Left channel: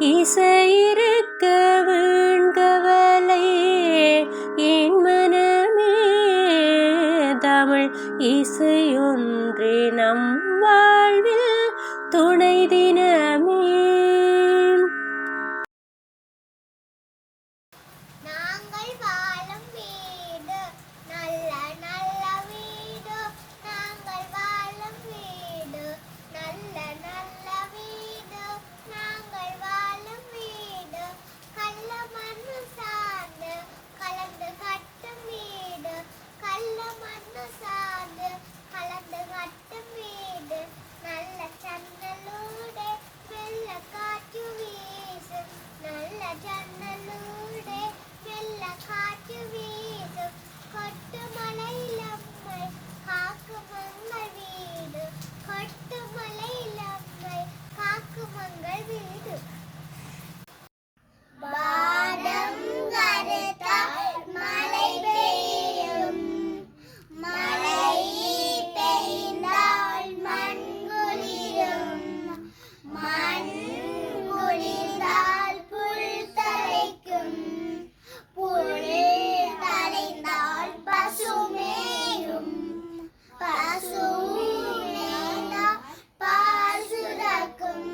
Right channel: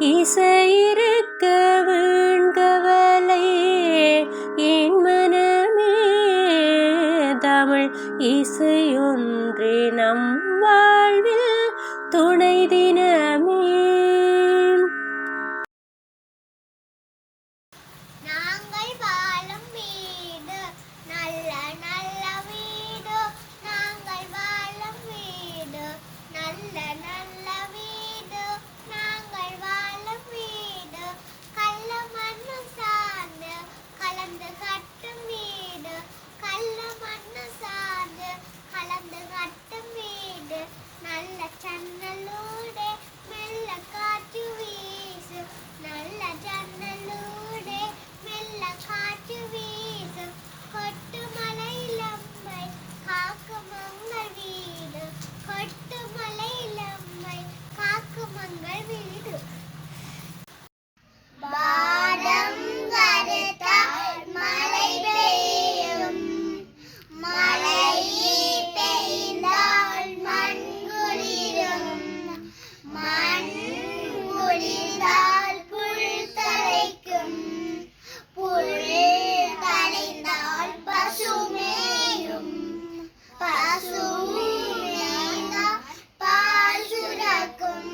இசையிருக்க வீண்கவலை என் மனமே. தமிழ் இசையொன்றே நம் வாழ்வில் துணை தினமே. நாங்கள் வாழும் வீடு நல்ல நல்ல வீடு, நாங்கள் வாழும் வீடு நல்ல நல்ல வீடு, நாங்கள் வாழும் வீடு கள்ள மண்ணு சார்ந்து கலந்து கட்டும் வீடு, கள்ள மண்ணு சார்ந்து கலந்து கட்டும் வீடு, நல்ல ஜன்னலோடு மெல்ல காற்று வீசு, நல்ல ஜன்னலோடு மெல்ல காற்று வீசு, கொட்டு மலையில் அம்மை காக்கும் மங்கள் வீடு, கொட்டு மலையில் அம்மை காக்கும் மங்கள் வீடு. வானம் கருத்தால் மழை பெய்யும், மழை பெய்தால் மண் குளிரும், மண் குளிர்ந்தால் புல் தழைக்கும், புல் தழைந்தால் பசு மேயும், பசு மேய்ந்தால் பால் சுரக்கும்,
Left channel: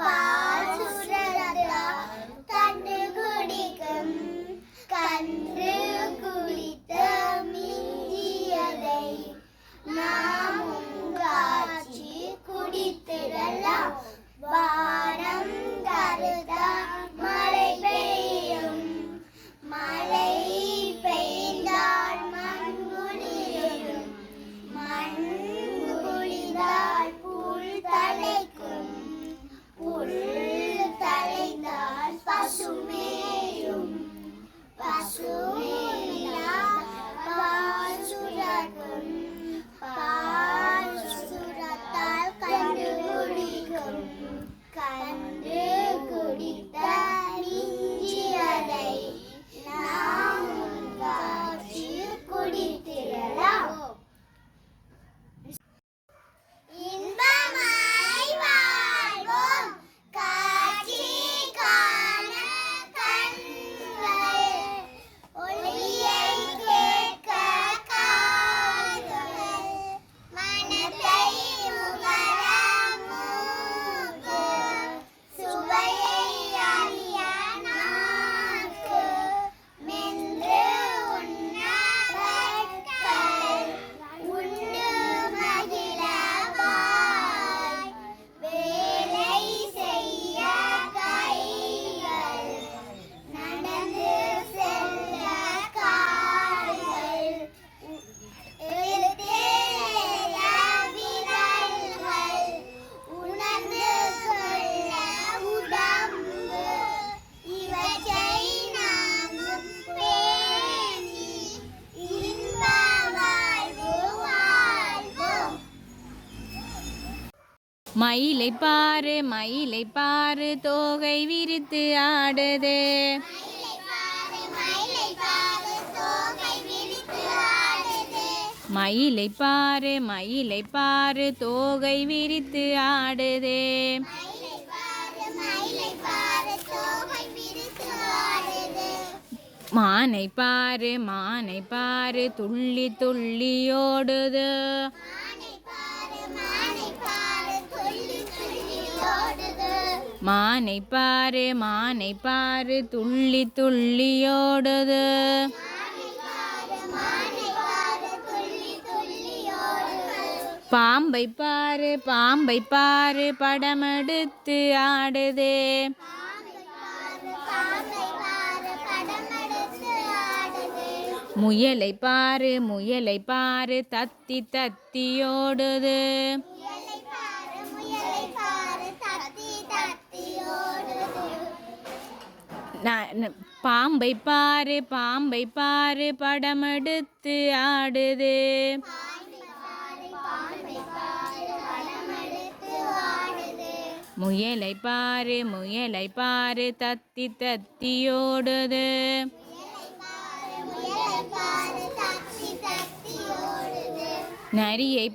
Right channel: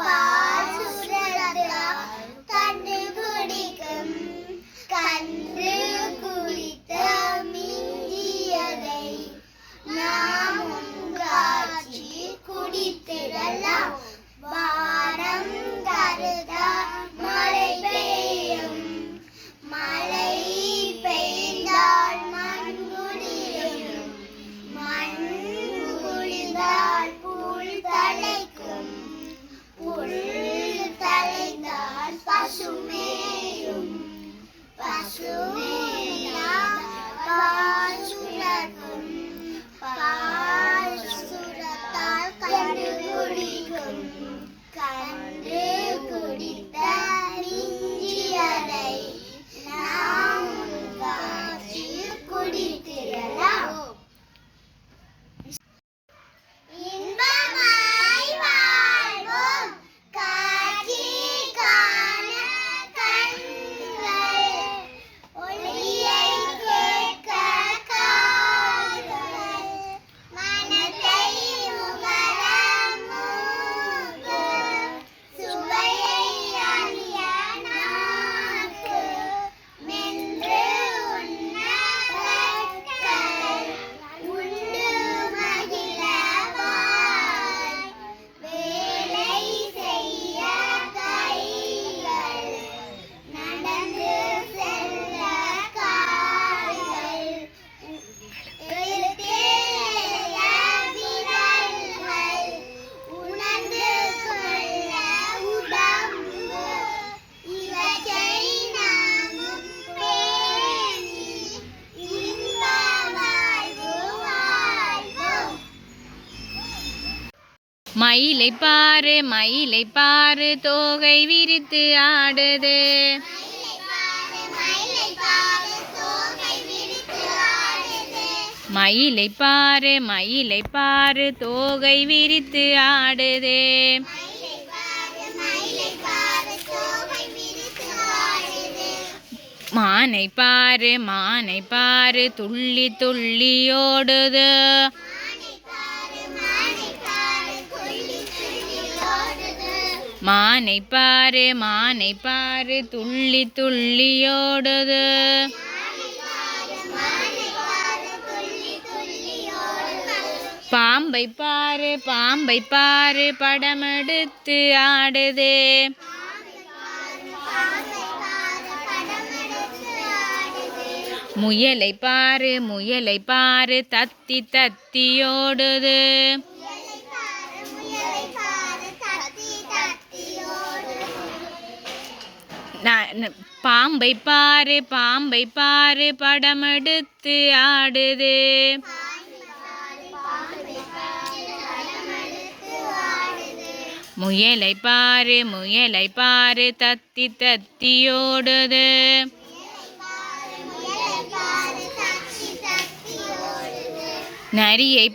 பால் சுரந்தால் கன்று குடிக்கும், கன்று குடித்த மிஞ்சியதை நாமும் காய்ச்சி குடித்திடலாம். வானம் கருத்தால் மழை பெய்யும், மழை பெய்தால் மண் குளிரும், மண் குளிர்ந்தால் புல் தழைக்கும், புல் தழைந்தால் பசு மேயும், பசு மேய்ந்தால் பால் சுரக்கும், பால் சுரத்தால் கன்று குடிக்கும், கன்று குடித்த மிஞ்சியதை நாமும் காய்ச்சி குடித்திடலாம். இன்பமாய் வாழ்வோம் காட்சி காண கண்கள், ஒளியை கேட்க காதுகள், மனத்தை முகர மூக்கு, சுவையை அறிய நாக்கு, மென்று உண்ண கற்கள், உண்டு மகிழ வாய், வேலை செய்ய கைகள், நடந்து செல்ல கால்கள், எழுத்தேய விரல்கள், உணர்ந்து கொள்ள உடம்பு, இவற்றை நாமும் பேணி இன்ப வாழ்வு வாழ்வோம். மயிலை பாரு மயிலை பாரு தோகை விரித்து ஆடுது, மயிலை பாரு தோகை விரித்து ஆடுது, மயிலை பாரு மயிலை பாரு தோகை விரித்து ஆடுது, மயிலை பாரு தோகை விரித்து ஆடுது, மானை பாரு துள்ளி துள்ளி ஓடுது, மானை பாரு துள்ளி துள்ளி ஓடுது, மானை பாரு துள்ளி துள்ளி ஓடுது, மானை பாரு துள்ளி துள்ளி ஓடுது, பாம்பை பாரு படமெடுத்து ஆடுது, படமெடுத்து ஆடுது, முயலை பாரு தத்தி தத்தி ஓடுது, முயலை பாரு தத்தி தத்தி ஓடுது, பாம்பை பாரு படமெடுத்து ஆடுது, முயலை பாரு தத்தி தத்தி ஓடுது, நரியை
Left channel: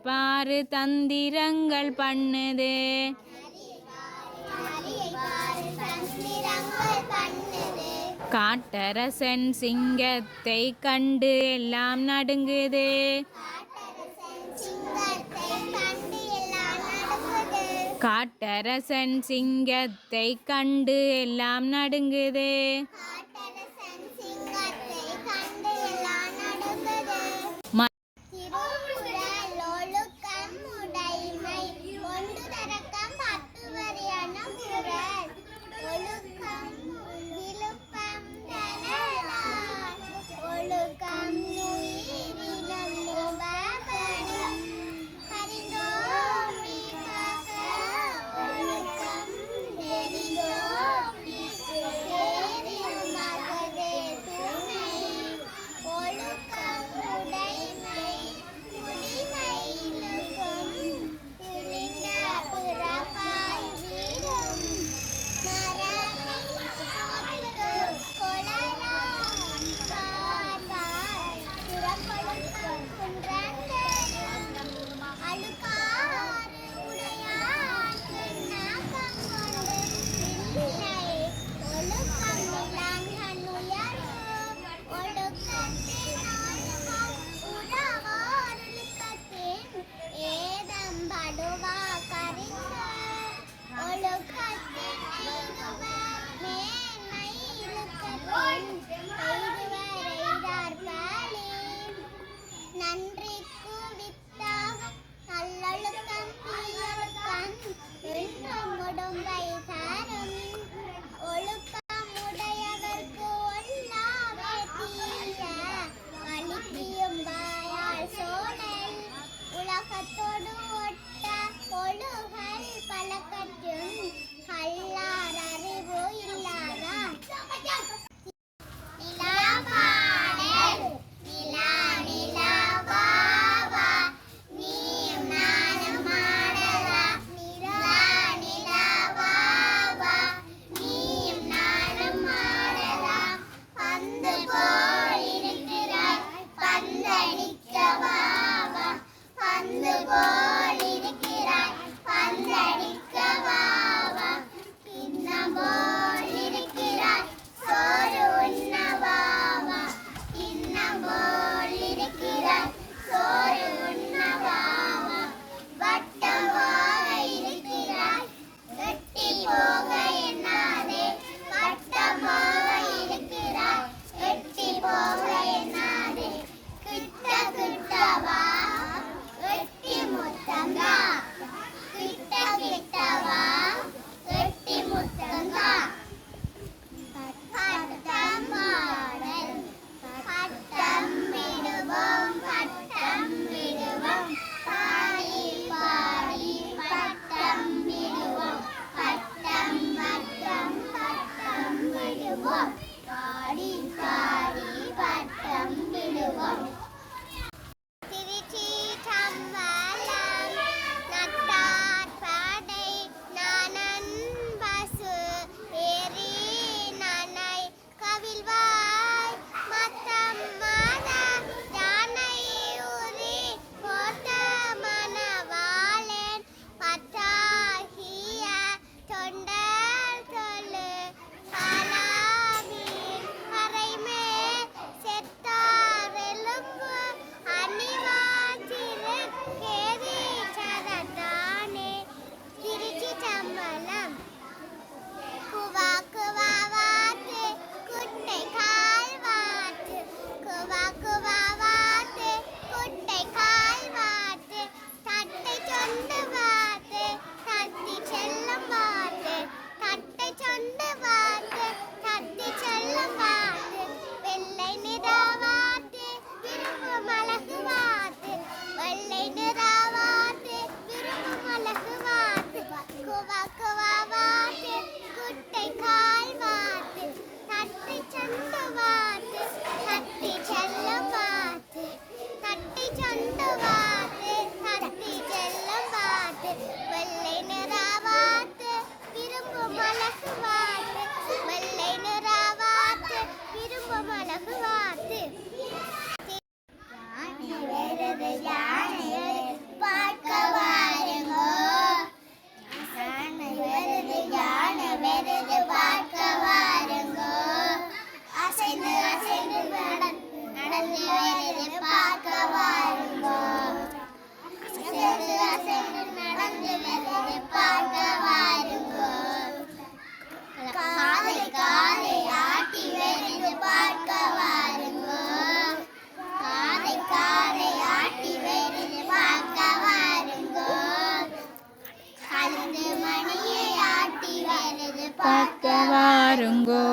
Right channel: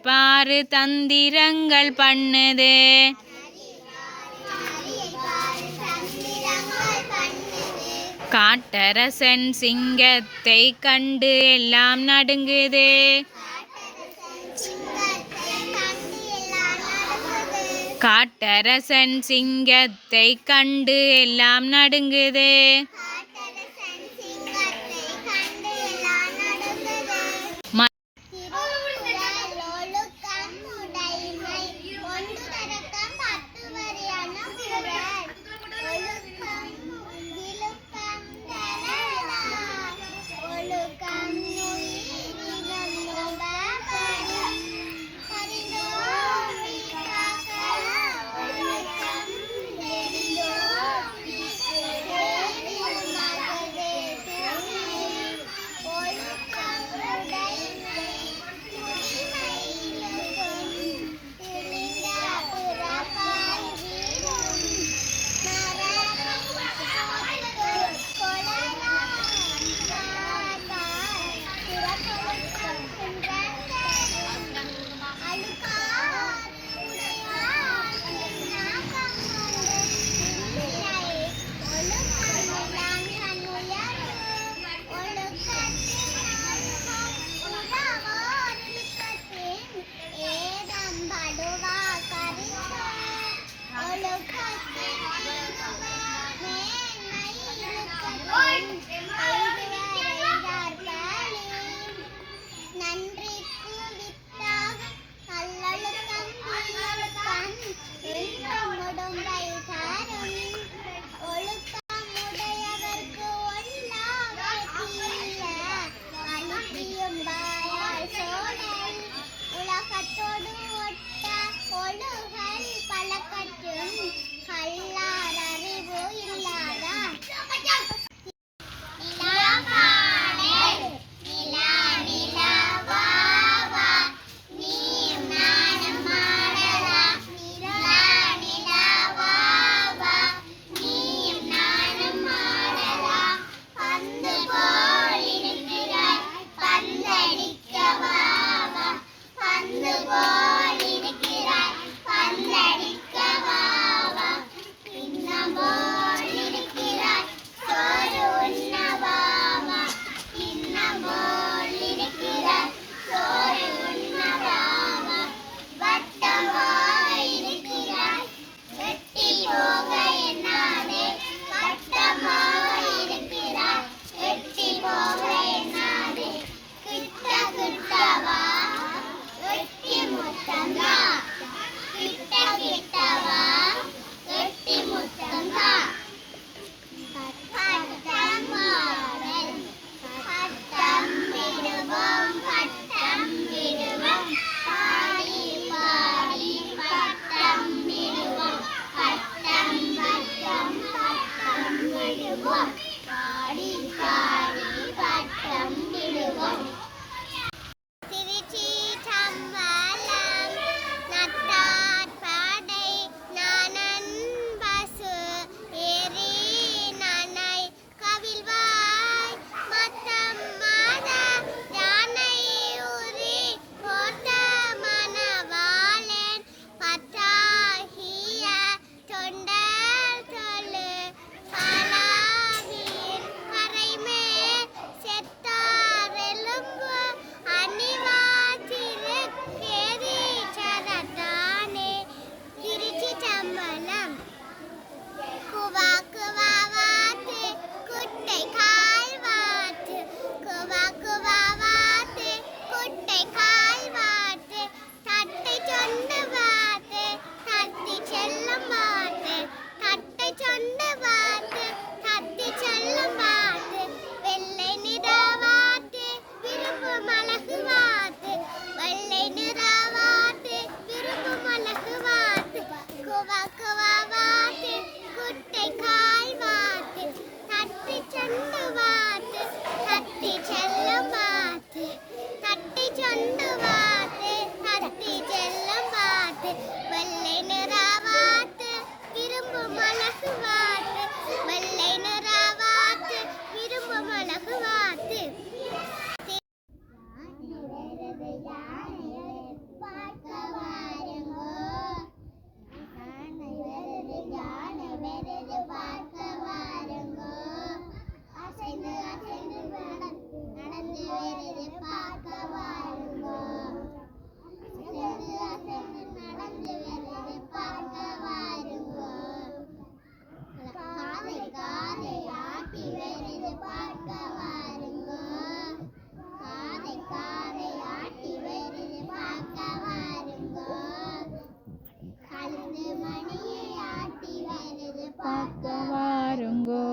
பாரு தந்திரங்கள் பண்ணுது, காட்டரசன் சிங்கத்தை கண்டு எல்லாம் நடுங்குது. காட்டரசன் சிங்கத்தை கண்டு எல்லாம் நடுங்குது. பார்க்க வாருங்கோ.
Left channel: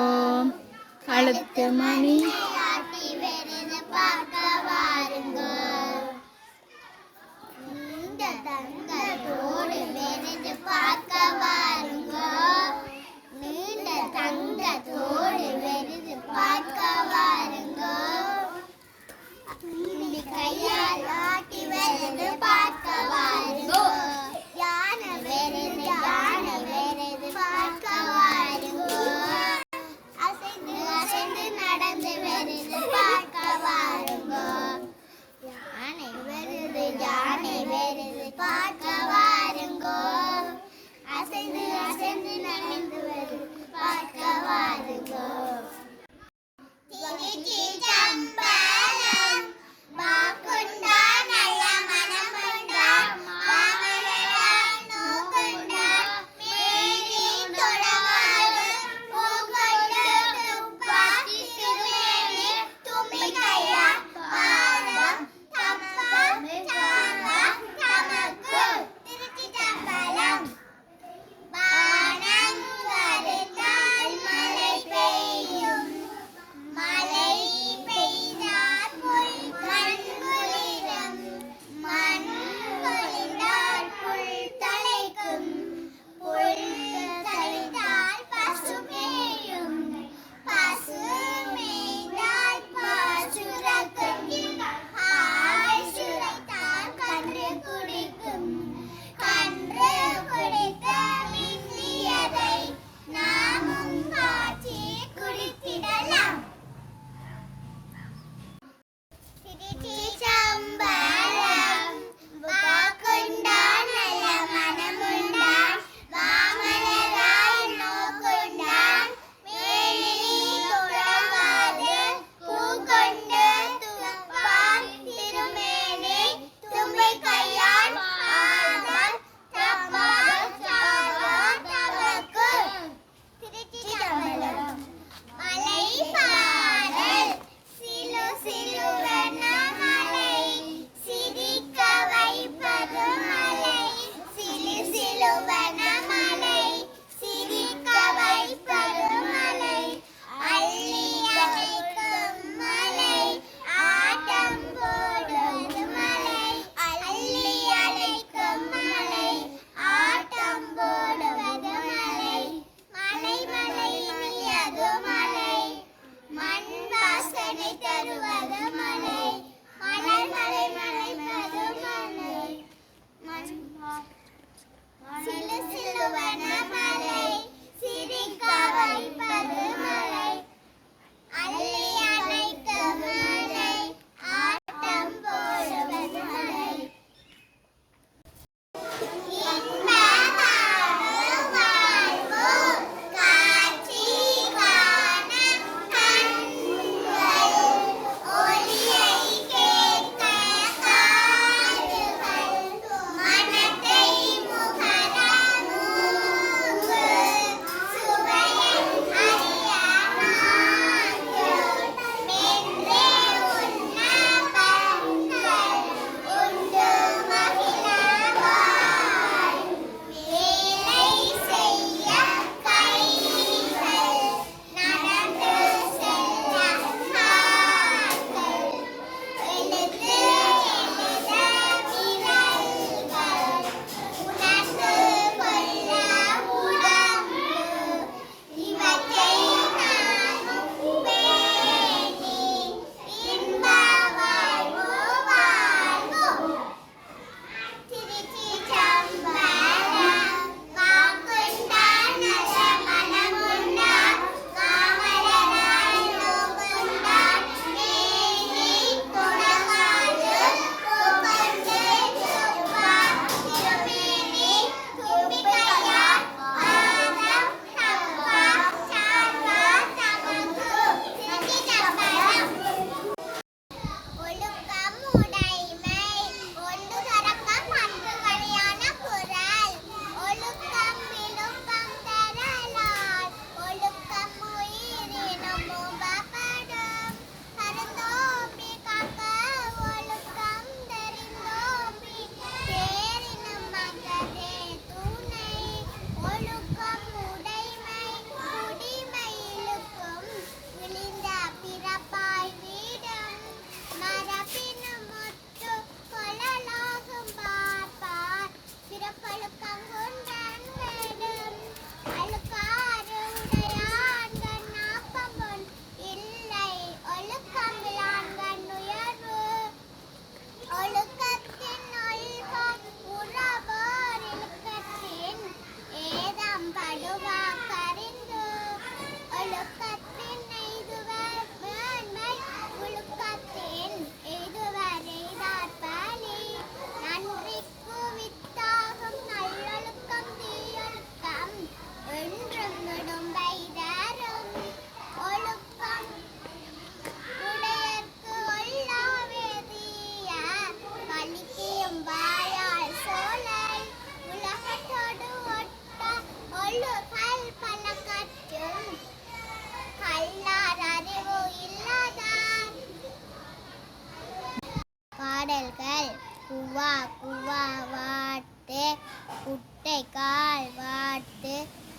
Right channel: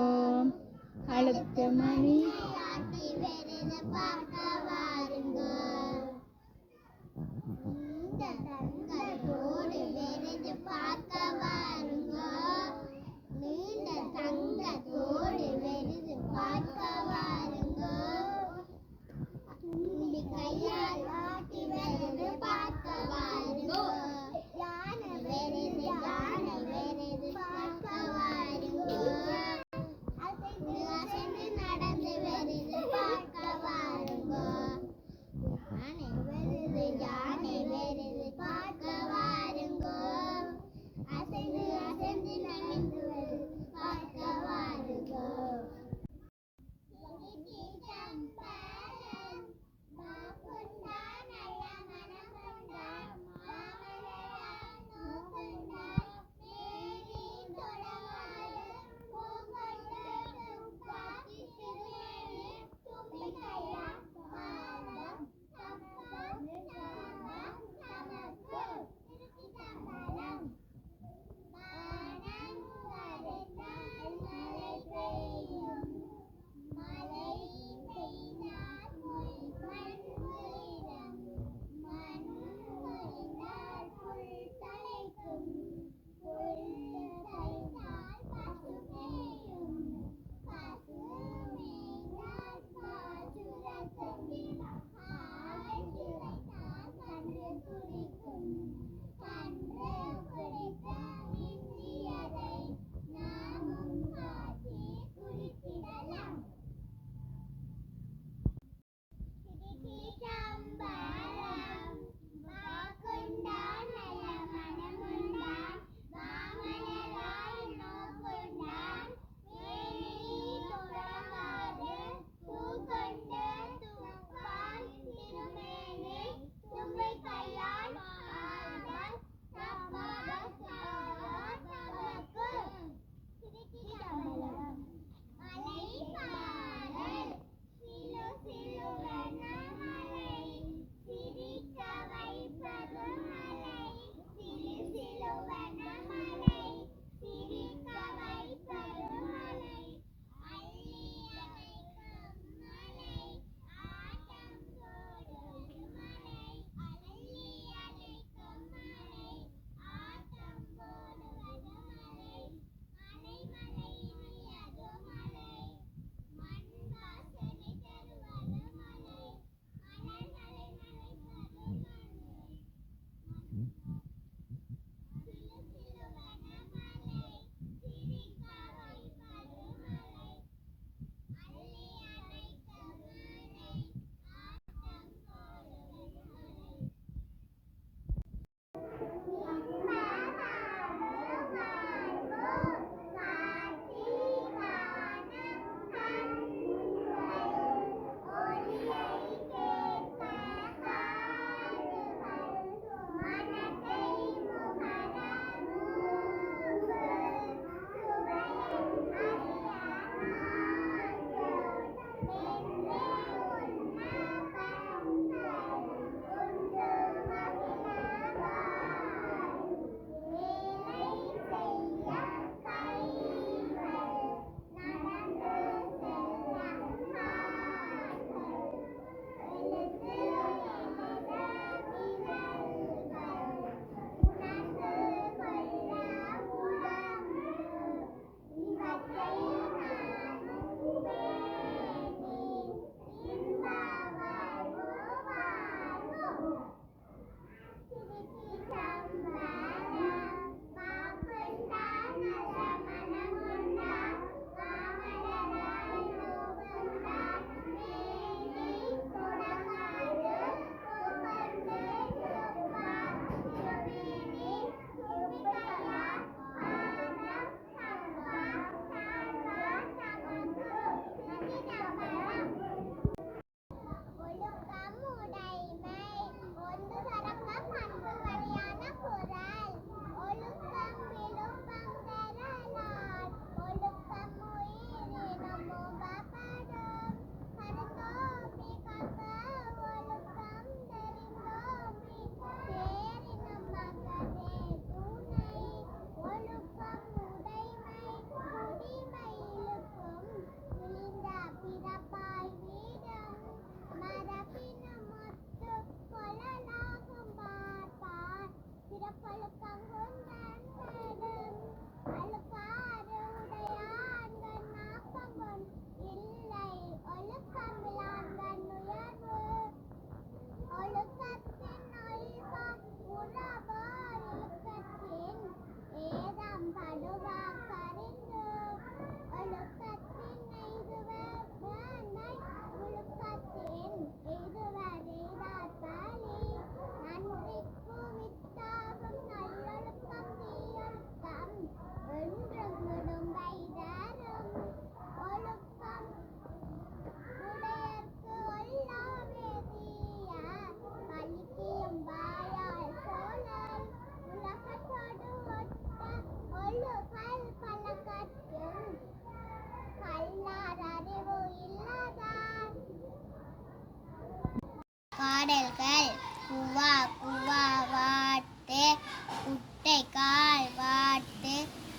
கழுத்து மணி ஆட்டி வருது பார்க்க வாருங்கோ. நீண்ட தங்கத்தோடு வருது பார்க்க வாருங்கோ. நீண்ட தங்கத்தோடு வருது பார்க்க வாருங்கோ. கையால் ஆட்டி வருது பார்க்க வாருங்கோ. யானை வருது பார்க்க வாருங்கோ. அசைந்து அசைந்து நடந்து வருது பார்க்க வாருங்கோ.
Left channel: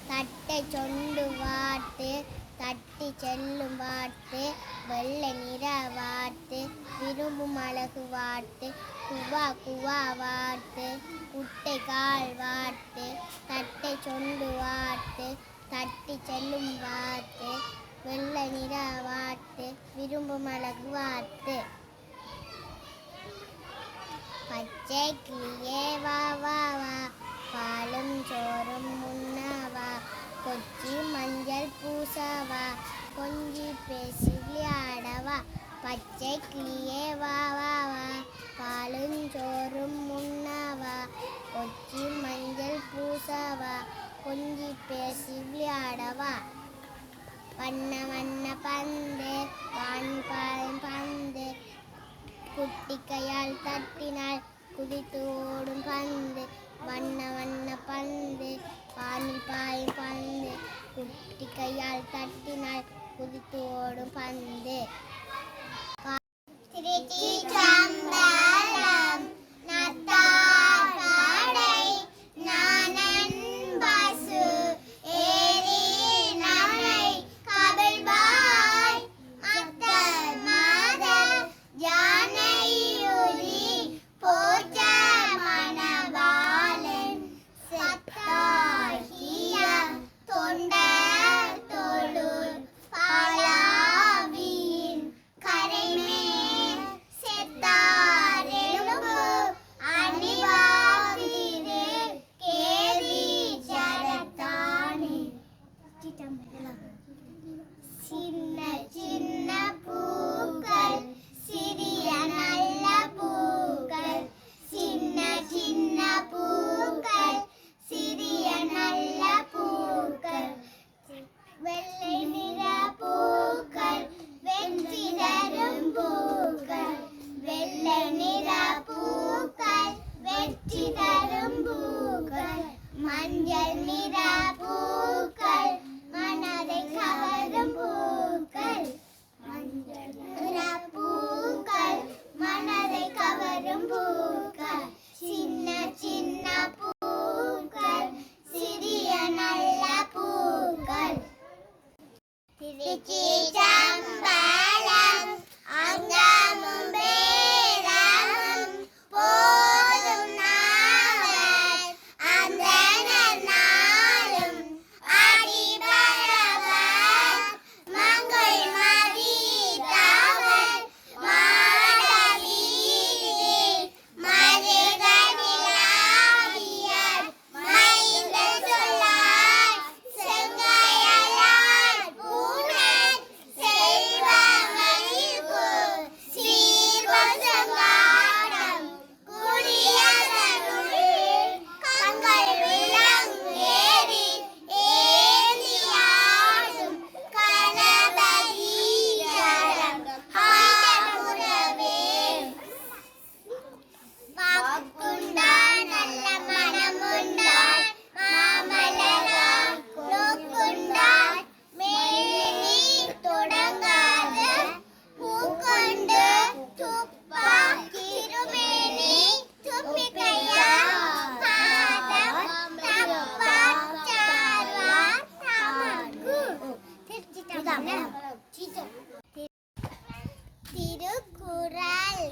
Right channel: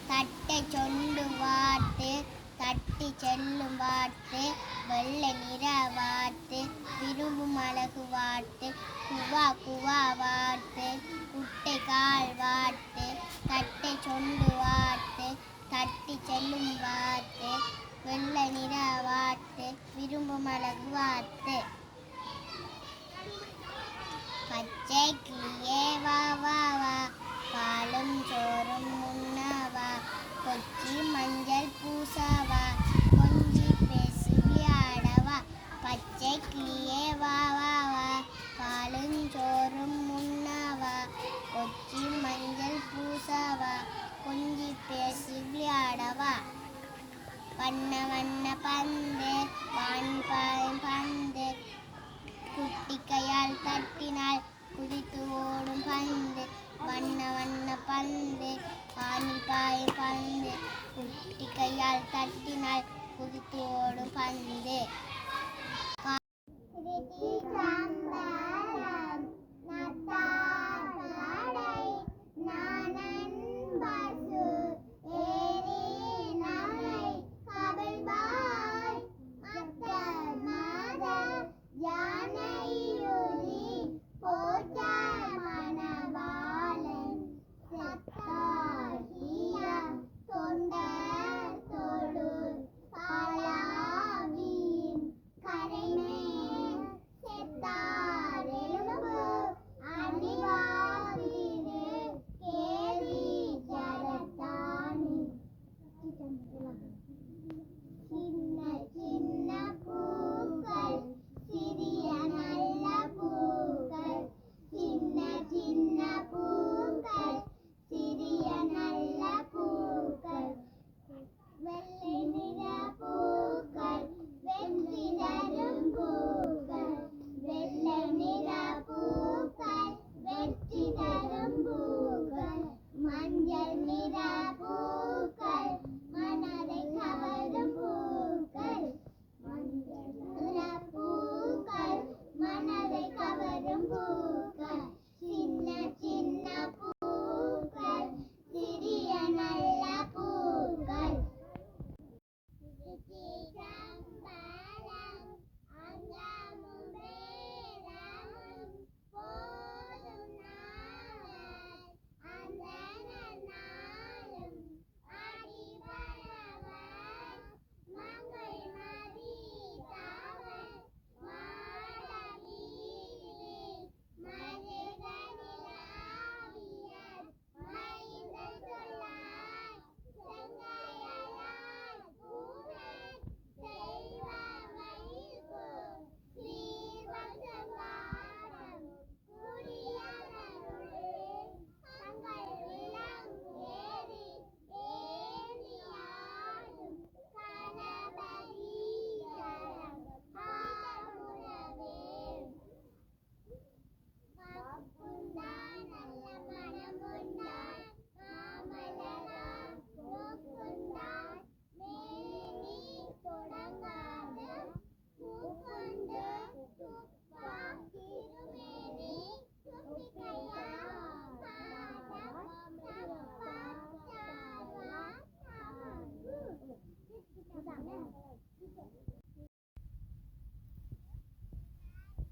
தட்டை சொண்டு வாட்டு தட்டி செல்லும் வாட்டு வெள்ளை நிற வாட்டு விரும்பும் அழகு வாட்டு குவா குவா வாட்டு குட்டை கால் வாட்டு தட்டை சொண்டு வாட்டு தட்டி செல்லும் வாட்டு வெள்ளை நிற வாட்டு விரும்பும் அழகு வாட்டு பச்சை கிளியே வா வா வா பாலும் சோறும் உண்ணவா கொச்சி மஞ்சள் பூசவா கொஞ்சி பேசி விளையாடவா பச்சை கிளியே வா வா வா பாலும் சோறும் உண்ணவா கொச்சி மஞ்சள் பூசவா கொஞ்சி பேசி விளையாடவா வண்ண வண்ண பந்து வான் பந்து குட்டி கையால் தட்டினால் குதித்து ஓடும் பந்து வண்ண வண்ண பந்து பானில் பாயும் பந்து குட்டி கையால் தட்டினால் குதித்து ஓடும் பந்து திருச்சிற்றம்பலம் நத்தாடை நானன் பசு ஏரி நம்மை கபில்பாய் அத்தர் மாத யானையுரி போற்ற மணவாளன் சத்தாகிய தொண்டர் தொழுர் பாலாவியின் கரைமேல் செத்தாரெலும்பு அணிவாதிரே கேலி ஜடத்தானே சின்ன சின்ன பூக்கள் சிறிய நல்ல பூக்கள் சின்ன சின்ன பூக்கள் சிறிய நல்ல பூக்கள் வெள்ளை நிற பூக்கள் வெற்றி தரும் பூக்கள் வெள்ளை நிற பூக்கள் வெற்றி தரும் பூக்கள் மஞ்சள் நிற பூக்கள் மனதை கவரும் பூக்கள் மஞ்சள் நிற பூக்கள் மனதை கவரும் பூக்கள் சின்ன சின்ன பூக்கள் சிறிய நல்ல பூக்கள் திருச்சிற்றம்பலம் அங்கமும் பேரமும் போதும் நாவல் அந்தணர் நாளும் அடிபரவர் மங்கள் மதித்தவர் மாடவீதி மருகனிலாவியர் மைந்த சொல்லார் செங்கையலார் பூணர் செல்வமணிக்கு சீர்வசங்காடம் குடியதனுள் கங்கள் விளங்கேறி ஏந்தியாடும் கணபதீச்சரம் ஆமுறவே வாக்குண்டான் நல்ல மனமுண்டான் மாமலராய் நோக்குண்டான் மேனி தொடங்காத பூக்கொண்டு துப்பா திருமேனி துப்பிக்கையா பாதம் தப்பார் சார்வார் தமக்கு திருக்குறள்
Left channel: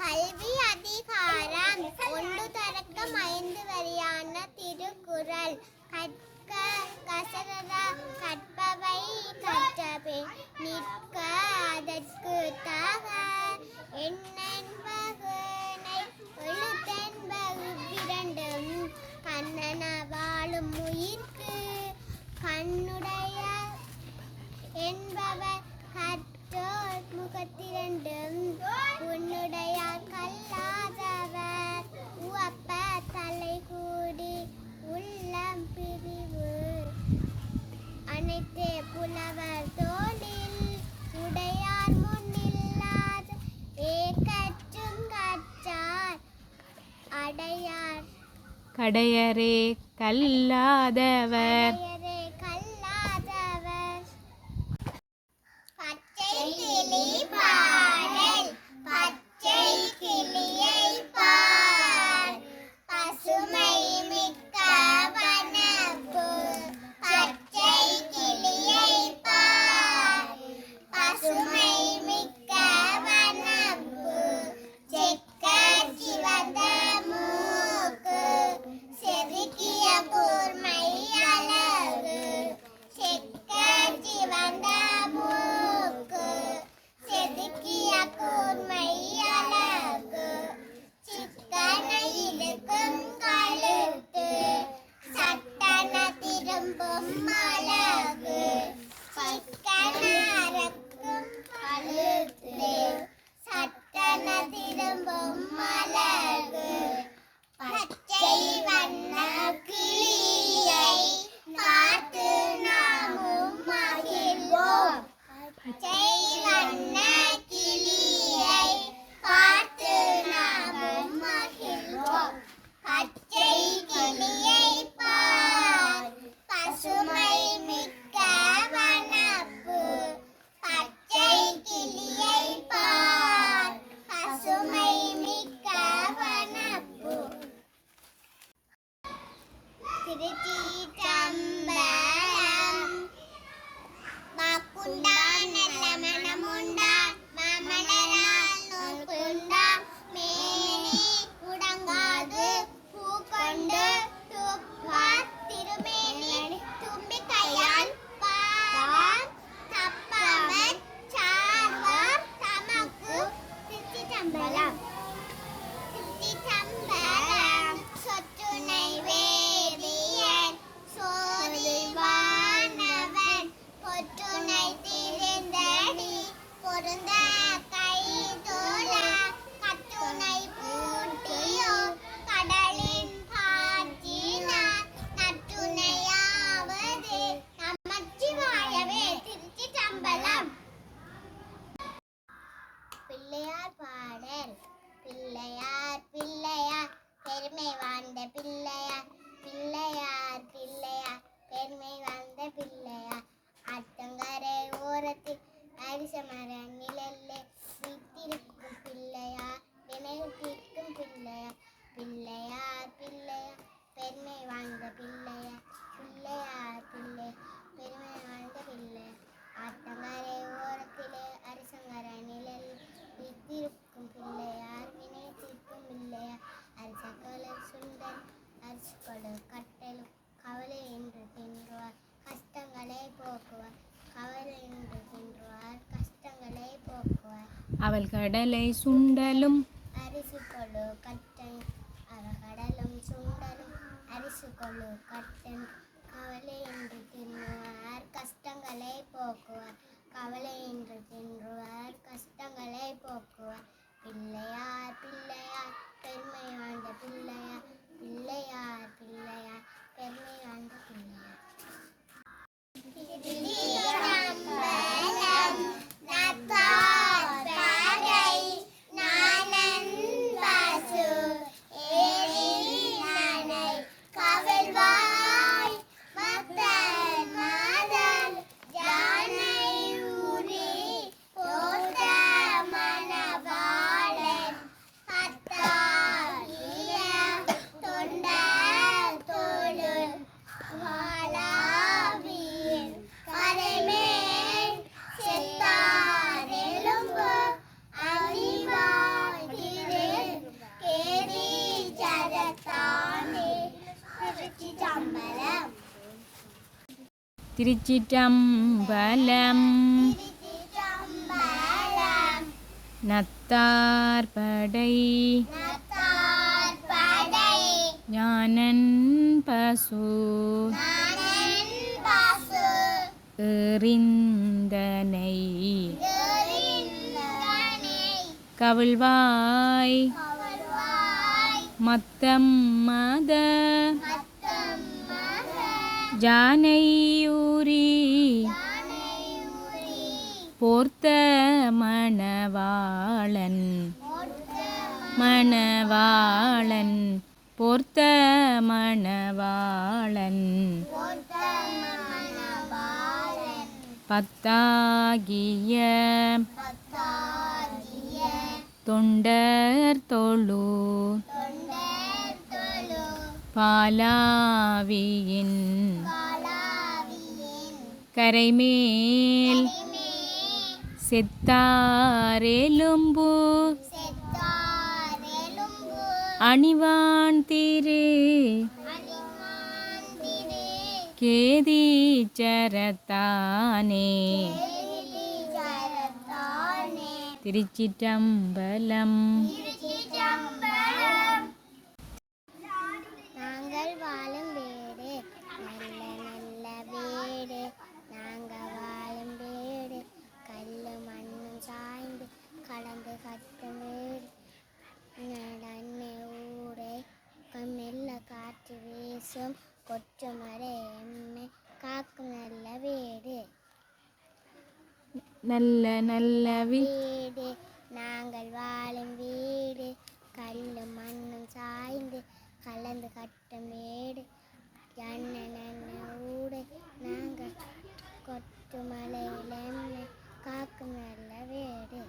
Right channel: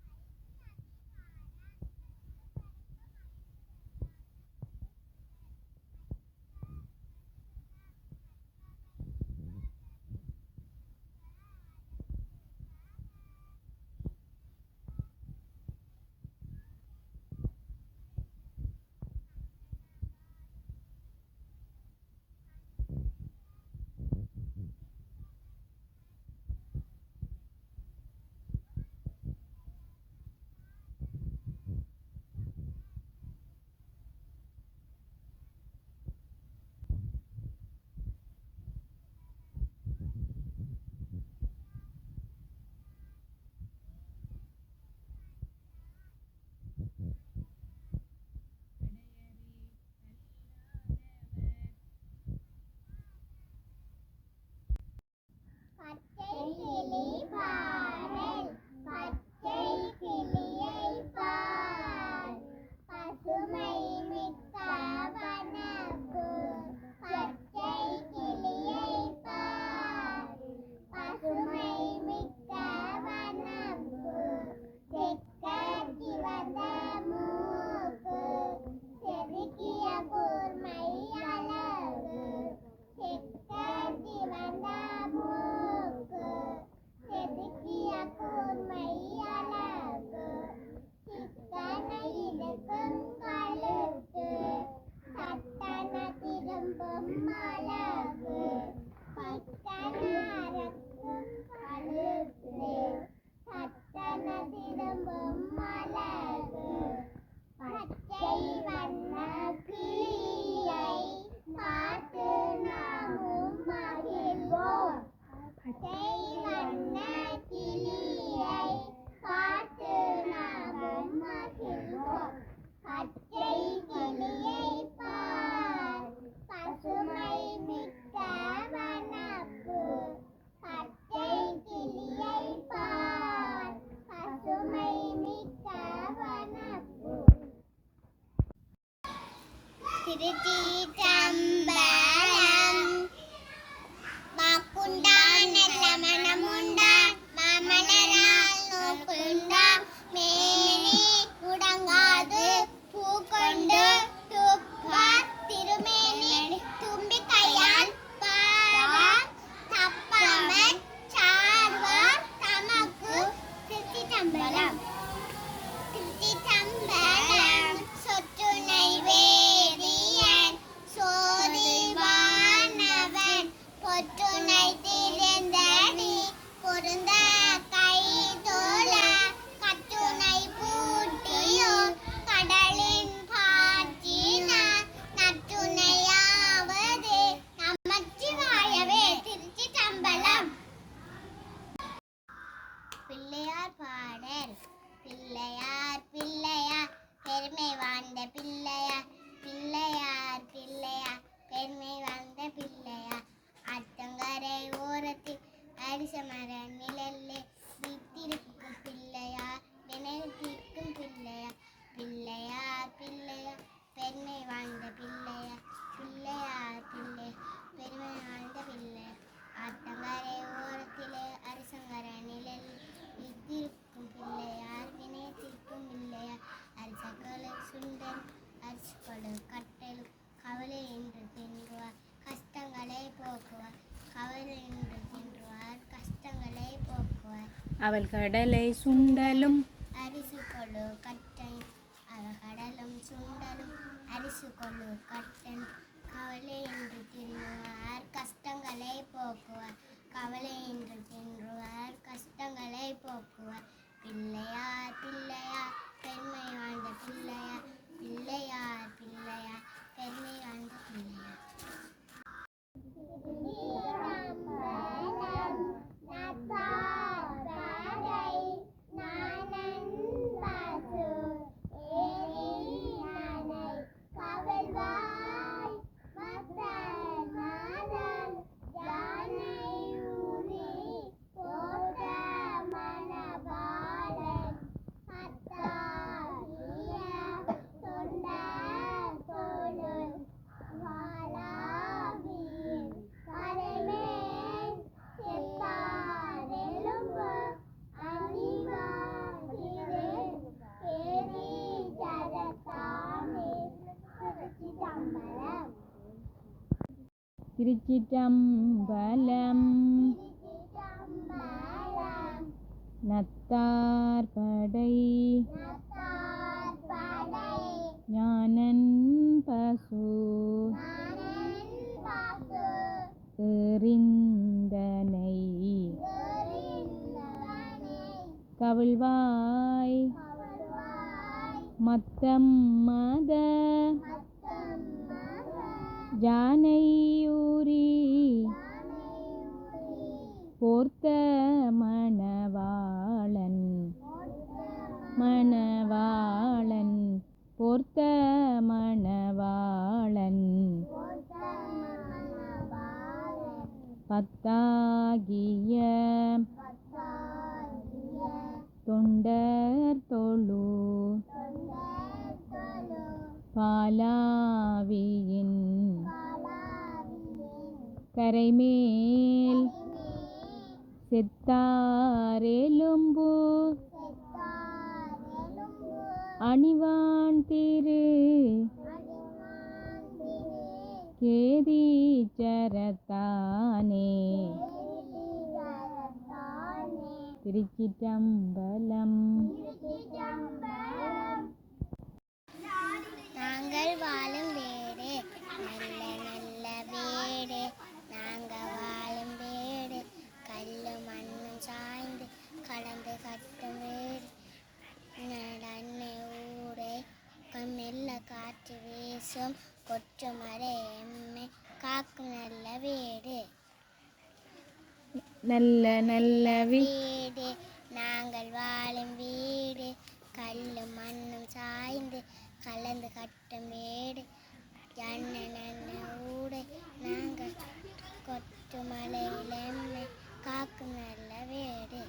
கல்வி அதிகாரம் 1 தொடக்கம் 5 வரையான திருக்குறள் கற்க கசடற கற்பவை கற்றபே நிற்க அதற்கு தாக எண்ணென்பகனை எழுத்தென்பகு இரண்டும் கண்ணன வாழும் உயிர்க்கு கண்ணுடைய என்பவர் கற்றோர் முகத்திரண்டும் உன்னுடையார் கல்லாதவர் உவப்ப தலை கூடி உள்ளம் பிரிவு அனைத்தே புலவர் தோளில் உடையார் முன்னில்லாத ஏகற்றும் கற்றார் அடையார் கடையரே கல்லாதவர் அடையரே கல்லாதவர் பச்சை கிளி பாடல் பச்சை கிளியை பார் பசுமை மிக்க வனப்பு பொம்மழகு சிக்கனரக்கும் கழுத்து சட்டன திரும்பும் மலகு பச்சை வண்ண கிளியை பார்த்து நாமும் மகிழ்வோம் பச்சை வண்ண கிளியை பார்த்து நாமும் மகிழ்வோம் பச்சை கிளியை பார் பசுமை மிக்க வனப்பு பச்சை கிளியை பார் பசுமை மிக்க வனப்பு திருச்சிற்றம்பலம் மாக்குண்டான் நல்ல மனமுண்டான் மாமலரால் நோக்குண்டான் மேனி முடங்காது பூக்கொண்டு துப்பார் திருமேனி தும்பிக்கையால் பாரார் தப்பாமற் சார்வார் தமக்கு திருச்சிற்றம்பலம் திருச்சிற்றம்பலம் சொற்றுணை வேதியன் சோதிவானவன் பொற்றுணை திரிந்தடி பொருந்த கை தோழ கட்டுணை பூட்டியோ கடலின் பாற்றினார் நட்டுணையாவது நமச்சிவாயவே திருச்சிற்றம்பலம் பிள்ளையார் பாடல் பிள்ளையார் பிள்ளையார் பெருமை வாழ்ந்த பிள்ளையார் பிள்ளையார் பிள்ளையார் பெருமை வாழ்ந்த பிள்ளையார் ஆற்றங்கரை ஓரத்தில் அரிசமர நிழல்லே வீட்டிருக்கும் பிள்ளையார் வினைத்திருக்கும் பிள்ளையார் பிள்ளையார் பிள்ளையார் பெருமை வாழ்ந்த பிள்ளையார் பிள்ளையார் பிள்ளையார் பெருமை வாழ்ந்த பிள்ளையார் ஆற்றங்கரை ஓரத்திலே அரிசங்கர நிழல் வீட்டிருக்கும் பிள்ளையார் வினைத்திருக்கும் பிள்ளையார் அரிசக்கொலை சுண்டன் அரிசிக்கொடு கட்டலும் கவலை என்று தின்றுவார் கஷ்டங்களை போக்குவார் கவலை என்று தின்றுவார் கஷ்டங்களை போக்குவார் அவள் கடலை சுண்டலும் அரிசிக்கொழு கட்டன் அவள் கடலும் சுண்டலும் அரிசிக்கொழு கட்டன் கவலை என்று தின்றுவார் கஷ்டங்களை போக்குவார் கவலை என்று தின்றுவார் கஷ்டங்களை போக்குவார் பிள்ளையார் பிள்ளையார் பெருமை வாழ்ந்த பிள்ளையார் பிள்ளையார் பிள்ளையார் பெருமை வாழ்ந்த பிள்ளையார் திருச்சிற்றம்பலம் நத்தார் படை நாணன் பசு ஏரில் நனை கவிழ்வாய் மத்தன் மதன் யானை ஊரி போத்த மணவாளன் பத்தாகிய தொண்டர் தோளும் வாளாவியின் கரைமேல் செத்தார் எலும்பு அணிவாய் திரு கேரி ஜரத்தானே திருச்சிற்றம்பலம் திருச்சிற்றம்பலம் திருச்சிற்றம்பலம் நத்தார் படை நத்தார் படை ஞானன் பசு நாணன் பசு எறிந்தனை எறிந்தனை கவிழ்வாய் கவழ்வாய் மத்தம் மத மத்தம் மக ஜானையூரி யானை ஊரி போர்த்த மணவாளன் மொத்த மணவாளன் போர்த்த மணவாளன் மொத்த மணவாளன் பத்தாகிய பத்தாகிய தொண்டர் தொழு தொண்டர் தொழு பாலாவியின் காலாவியின் கரைமேல் கரைமே செத்தாரெலும்பு செத்தார் எலும்பு அணிவான் திரு அணிவான் திரு கேதீச்சரத்தானே ஜரத்தானே திருச்சிற்றம்பலம். நாங்கள் வாழும் வீடு நல்ல நல்ல வீசும் கொற்றுமலை எம்மை காக்கும் நல்ல வீடு. நல்ல நல்ல வீடு நாங்கள் வாழும் வீடு, கல்லும் மண்ணும் சாய்ந்து கலந்து கட்டும் வீடு. ஜன்ன நன்ன ஊடு நாங்கள் கொற்றுமலையில் எம்மை காக்கும் நல்ல வீடு.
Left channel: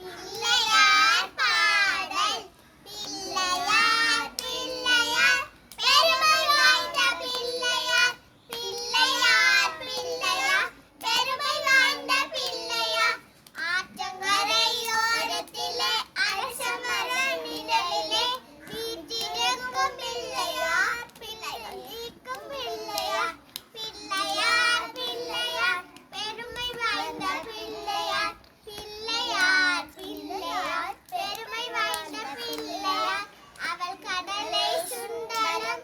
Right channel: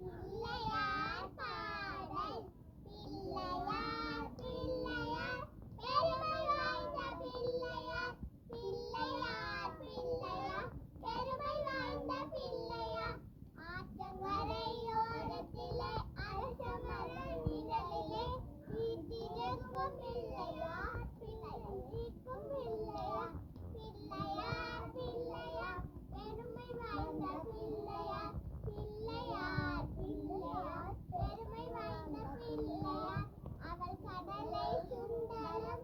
பிள்ளையார் பாடல். பிள்ளையார் பிள்ளையார் பெருமை வாய்ந்த பிள்ளையார். பிள்ளையார் பிள்ளையார் பெருமை வாய்ந்த பிள்ளையார். ஆற்றங்கரையோரத்திலே அரசமர நிழலிலே வீற்றிருக்கும் பிள்ளையார். பிள்ளைக்கும் பிள்ளையார். பிள்ளையார் பிள்ளையார் பெருமை வாய்ந்த பிள்ளையார். பிள்ளையார் பிள்ளையார் பெருமை வாய்ந்த பிள்ளையார். அவள் கடலை சுண்டலும்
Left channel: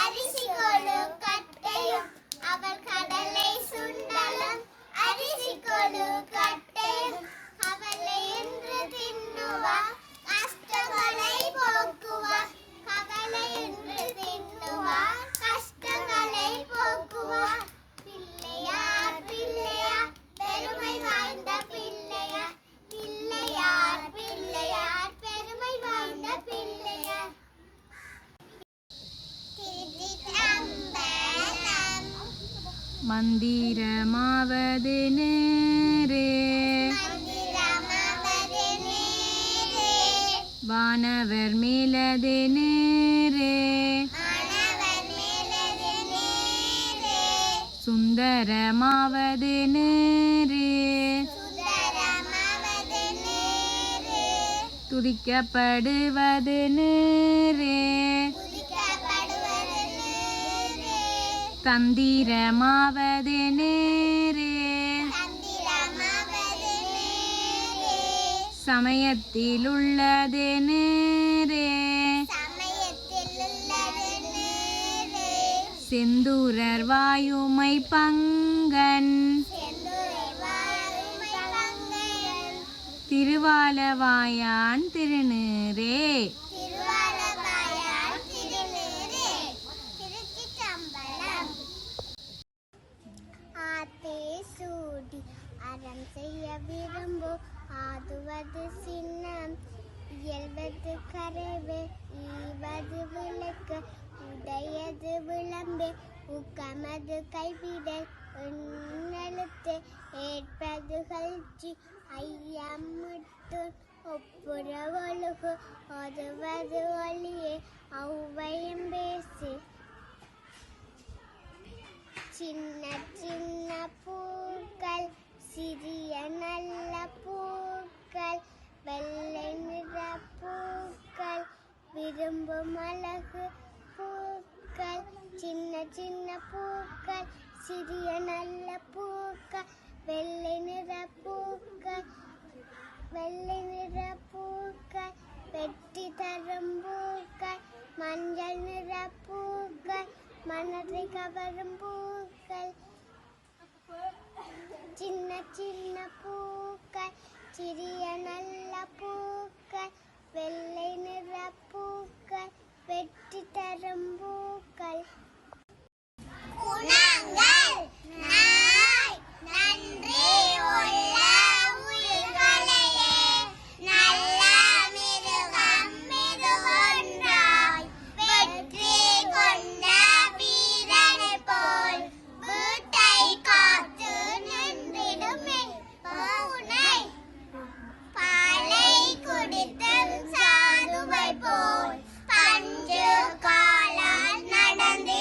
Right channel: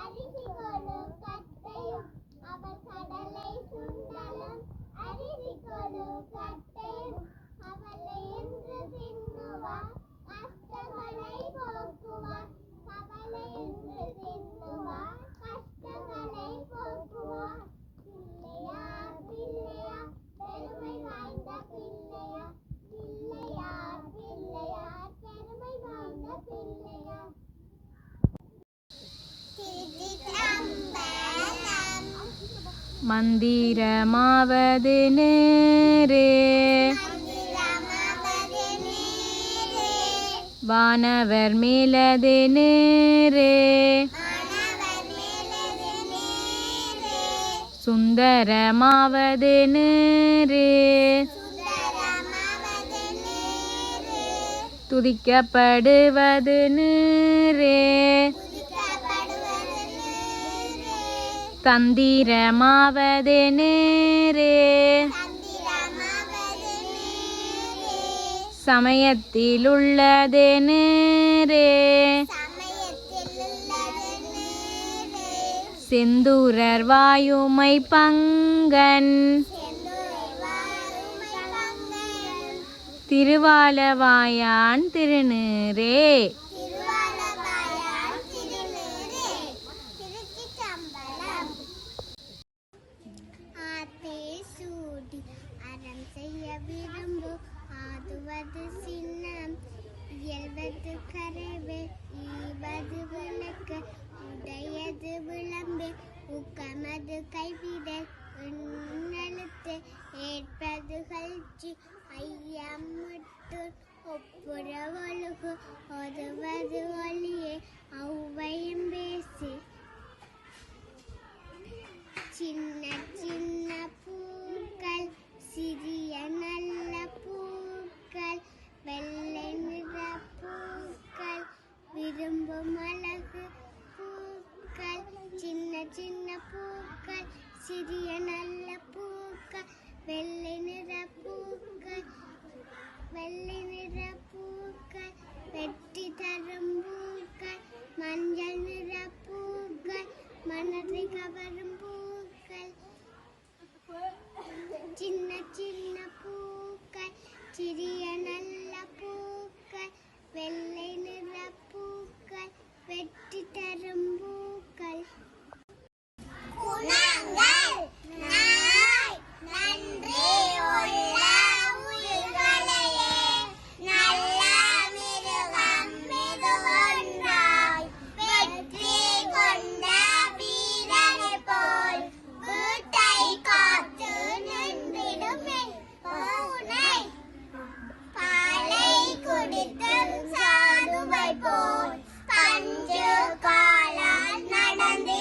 அரிசி கொழு கட்டையும். அவள் கடலை சுண்டலும் அரிசி கொழு கட்டையும். அவளை என்று தின்னுவா கஷ்டங்களை போக்குவா. கவலை என்று தின்னுவா கஷ்டங்களை போக்குவா. பிள்ளையார் பிள்ளையார் பெருமை வாய்ந்த பிள்ளையார். பிள்ளையார் பிள்ளையார் பெருமை வாய்ந்த பிள்ளையார். திருச்சிற்றம்பலம். மந்திரமாவது நேரே மந்திரமாவது நேரே. வானவர் மேலது நேரே மாணவர் மேலது நேரே. சுந்தரமாவது நேரே சுந்தரமாவது நேரே. துதிக்கப்படுவது நேரே துதிக்கப்படுவது நேரே. தந்திரமாவது நேரே தந்திரமாவது நேரே. சமயத்திலுள்ளது நேரே சமயத்தில் உள்ளது நேரே. செந்தூரர் வாயுமை பங்கன் செந்துரை வாருமை பங்கன். திருவாலவாயான் திருநீரே. திருவாலவாயான் திருநீரே. திருச்சிற்றம்பலம். ஆத்தே சூடி அறம் செய்ய விரும்பு ஆதுவது சின்னம். இயல்வது கரவே ஈவது விளக்கு உடையது விளம்பு. ஊக்கமது கைவிடல் எண்ணெழுத்து ஏற்பது கல்ச்சி. ஐயமுட்டு ஒப்புற ஒழுகு ஒதுவது ஒளியே ஔவையும் பேசி. சின்ன சின்ன பூக்கள் சிறிய நல்ல பூக்கள். வெள்ளை நிற பூக்கள் விரும்பும் அழகு பூக்கள். சின்ன சின்ன பூக்கள் சிறிய நல்ல பூக்கள். வெள்ளை நிற பூக்கள் வெள்ளை நிற பூக்கள். வெட்டி தரும் பூக்கள் மஞ்சள் நிற பூக்கள். மனதை கவரும் பூக்கள். சின்ன சின்ன பூக்கள் சிறிய நல்ல பூக்கள். வெள்ளை நிற பூக்கள் வெட்டி தரும் பூக்கள். குணங்கள். நாய் நன்றி உள்ள உயிர்களையே நல்ல மிருகம் இது ஒன்றாய். வெற்றி கொண்ட வீரனை போல் வீட்டை காத்து நின்றிடுமே. பூனை பாலை குடித்து சாதுவை போல் பஞ்சு காலால் நடந்து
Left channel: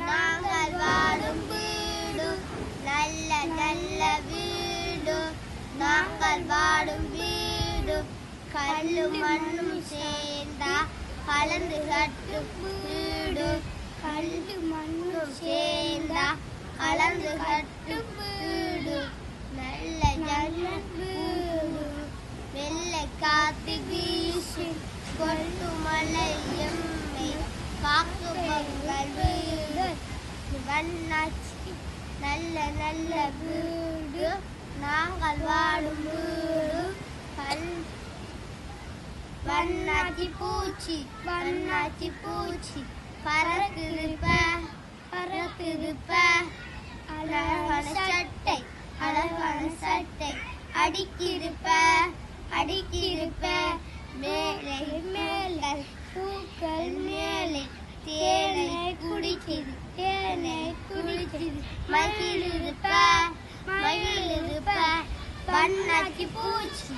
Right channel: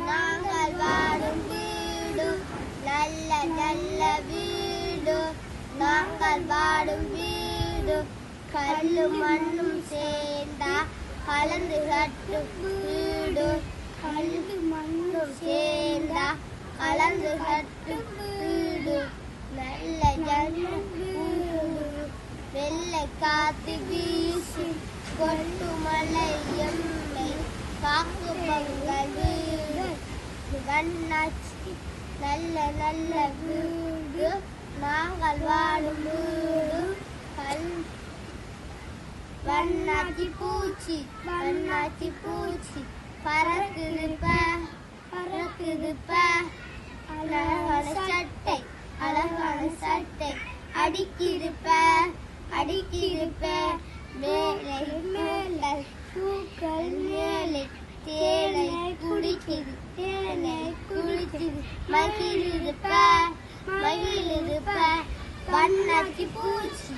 நாங்கள் வாழும் வீடு நல்ல நல்ல வீடு நாங்கள் வாழும் வீடு கல்லும் மண்ணும் சேர்ந்தா கலந்து கட்டும் வீடு கல்லு மண்ணும் சேர்ந்தா கலந்து கட்டும் வீடு நல்ல நல்ல வீடு வெள்ளை காத்து வீசி கொட்டு மலை எம்மை காக்கு பொங்கல் வீடு வண்ணாச்சி நல்ல நல்ல வீடு நாங்கள் வாழும் வீடு வண்ணாச்சி பூச்சி பறக்குதுப்ப அழகான சட்டை அடிக்கிருப்ப மேலே பூக்கள் மேலே தேனை குடிக்குது மகிழ்ந்திருப்ப வண்ணாச்சி பூச்சி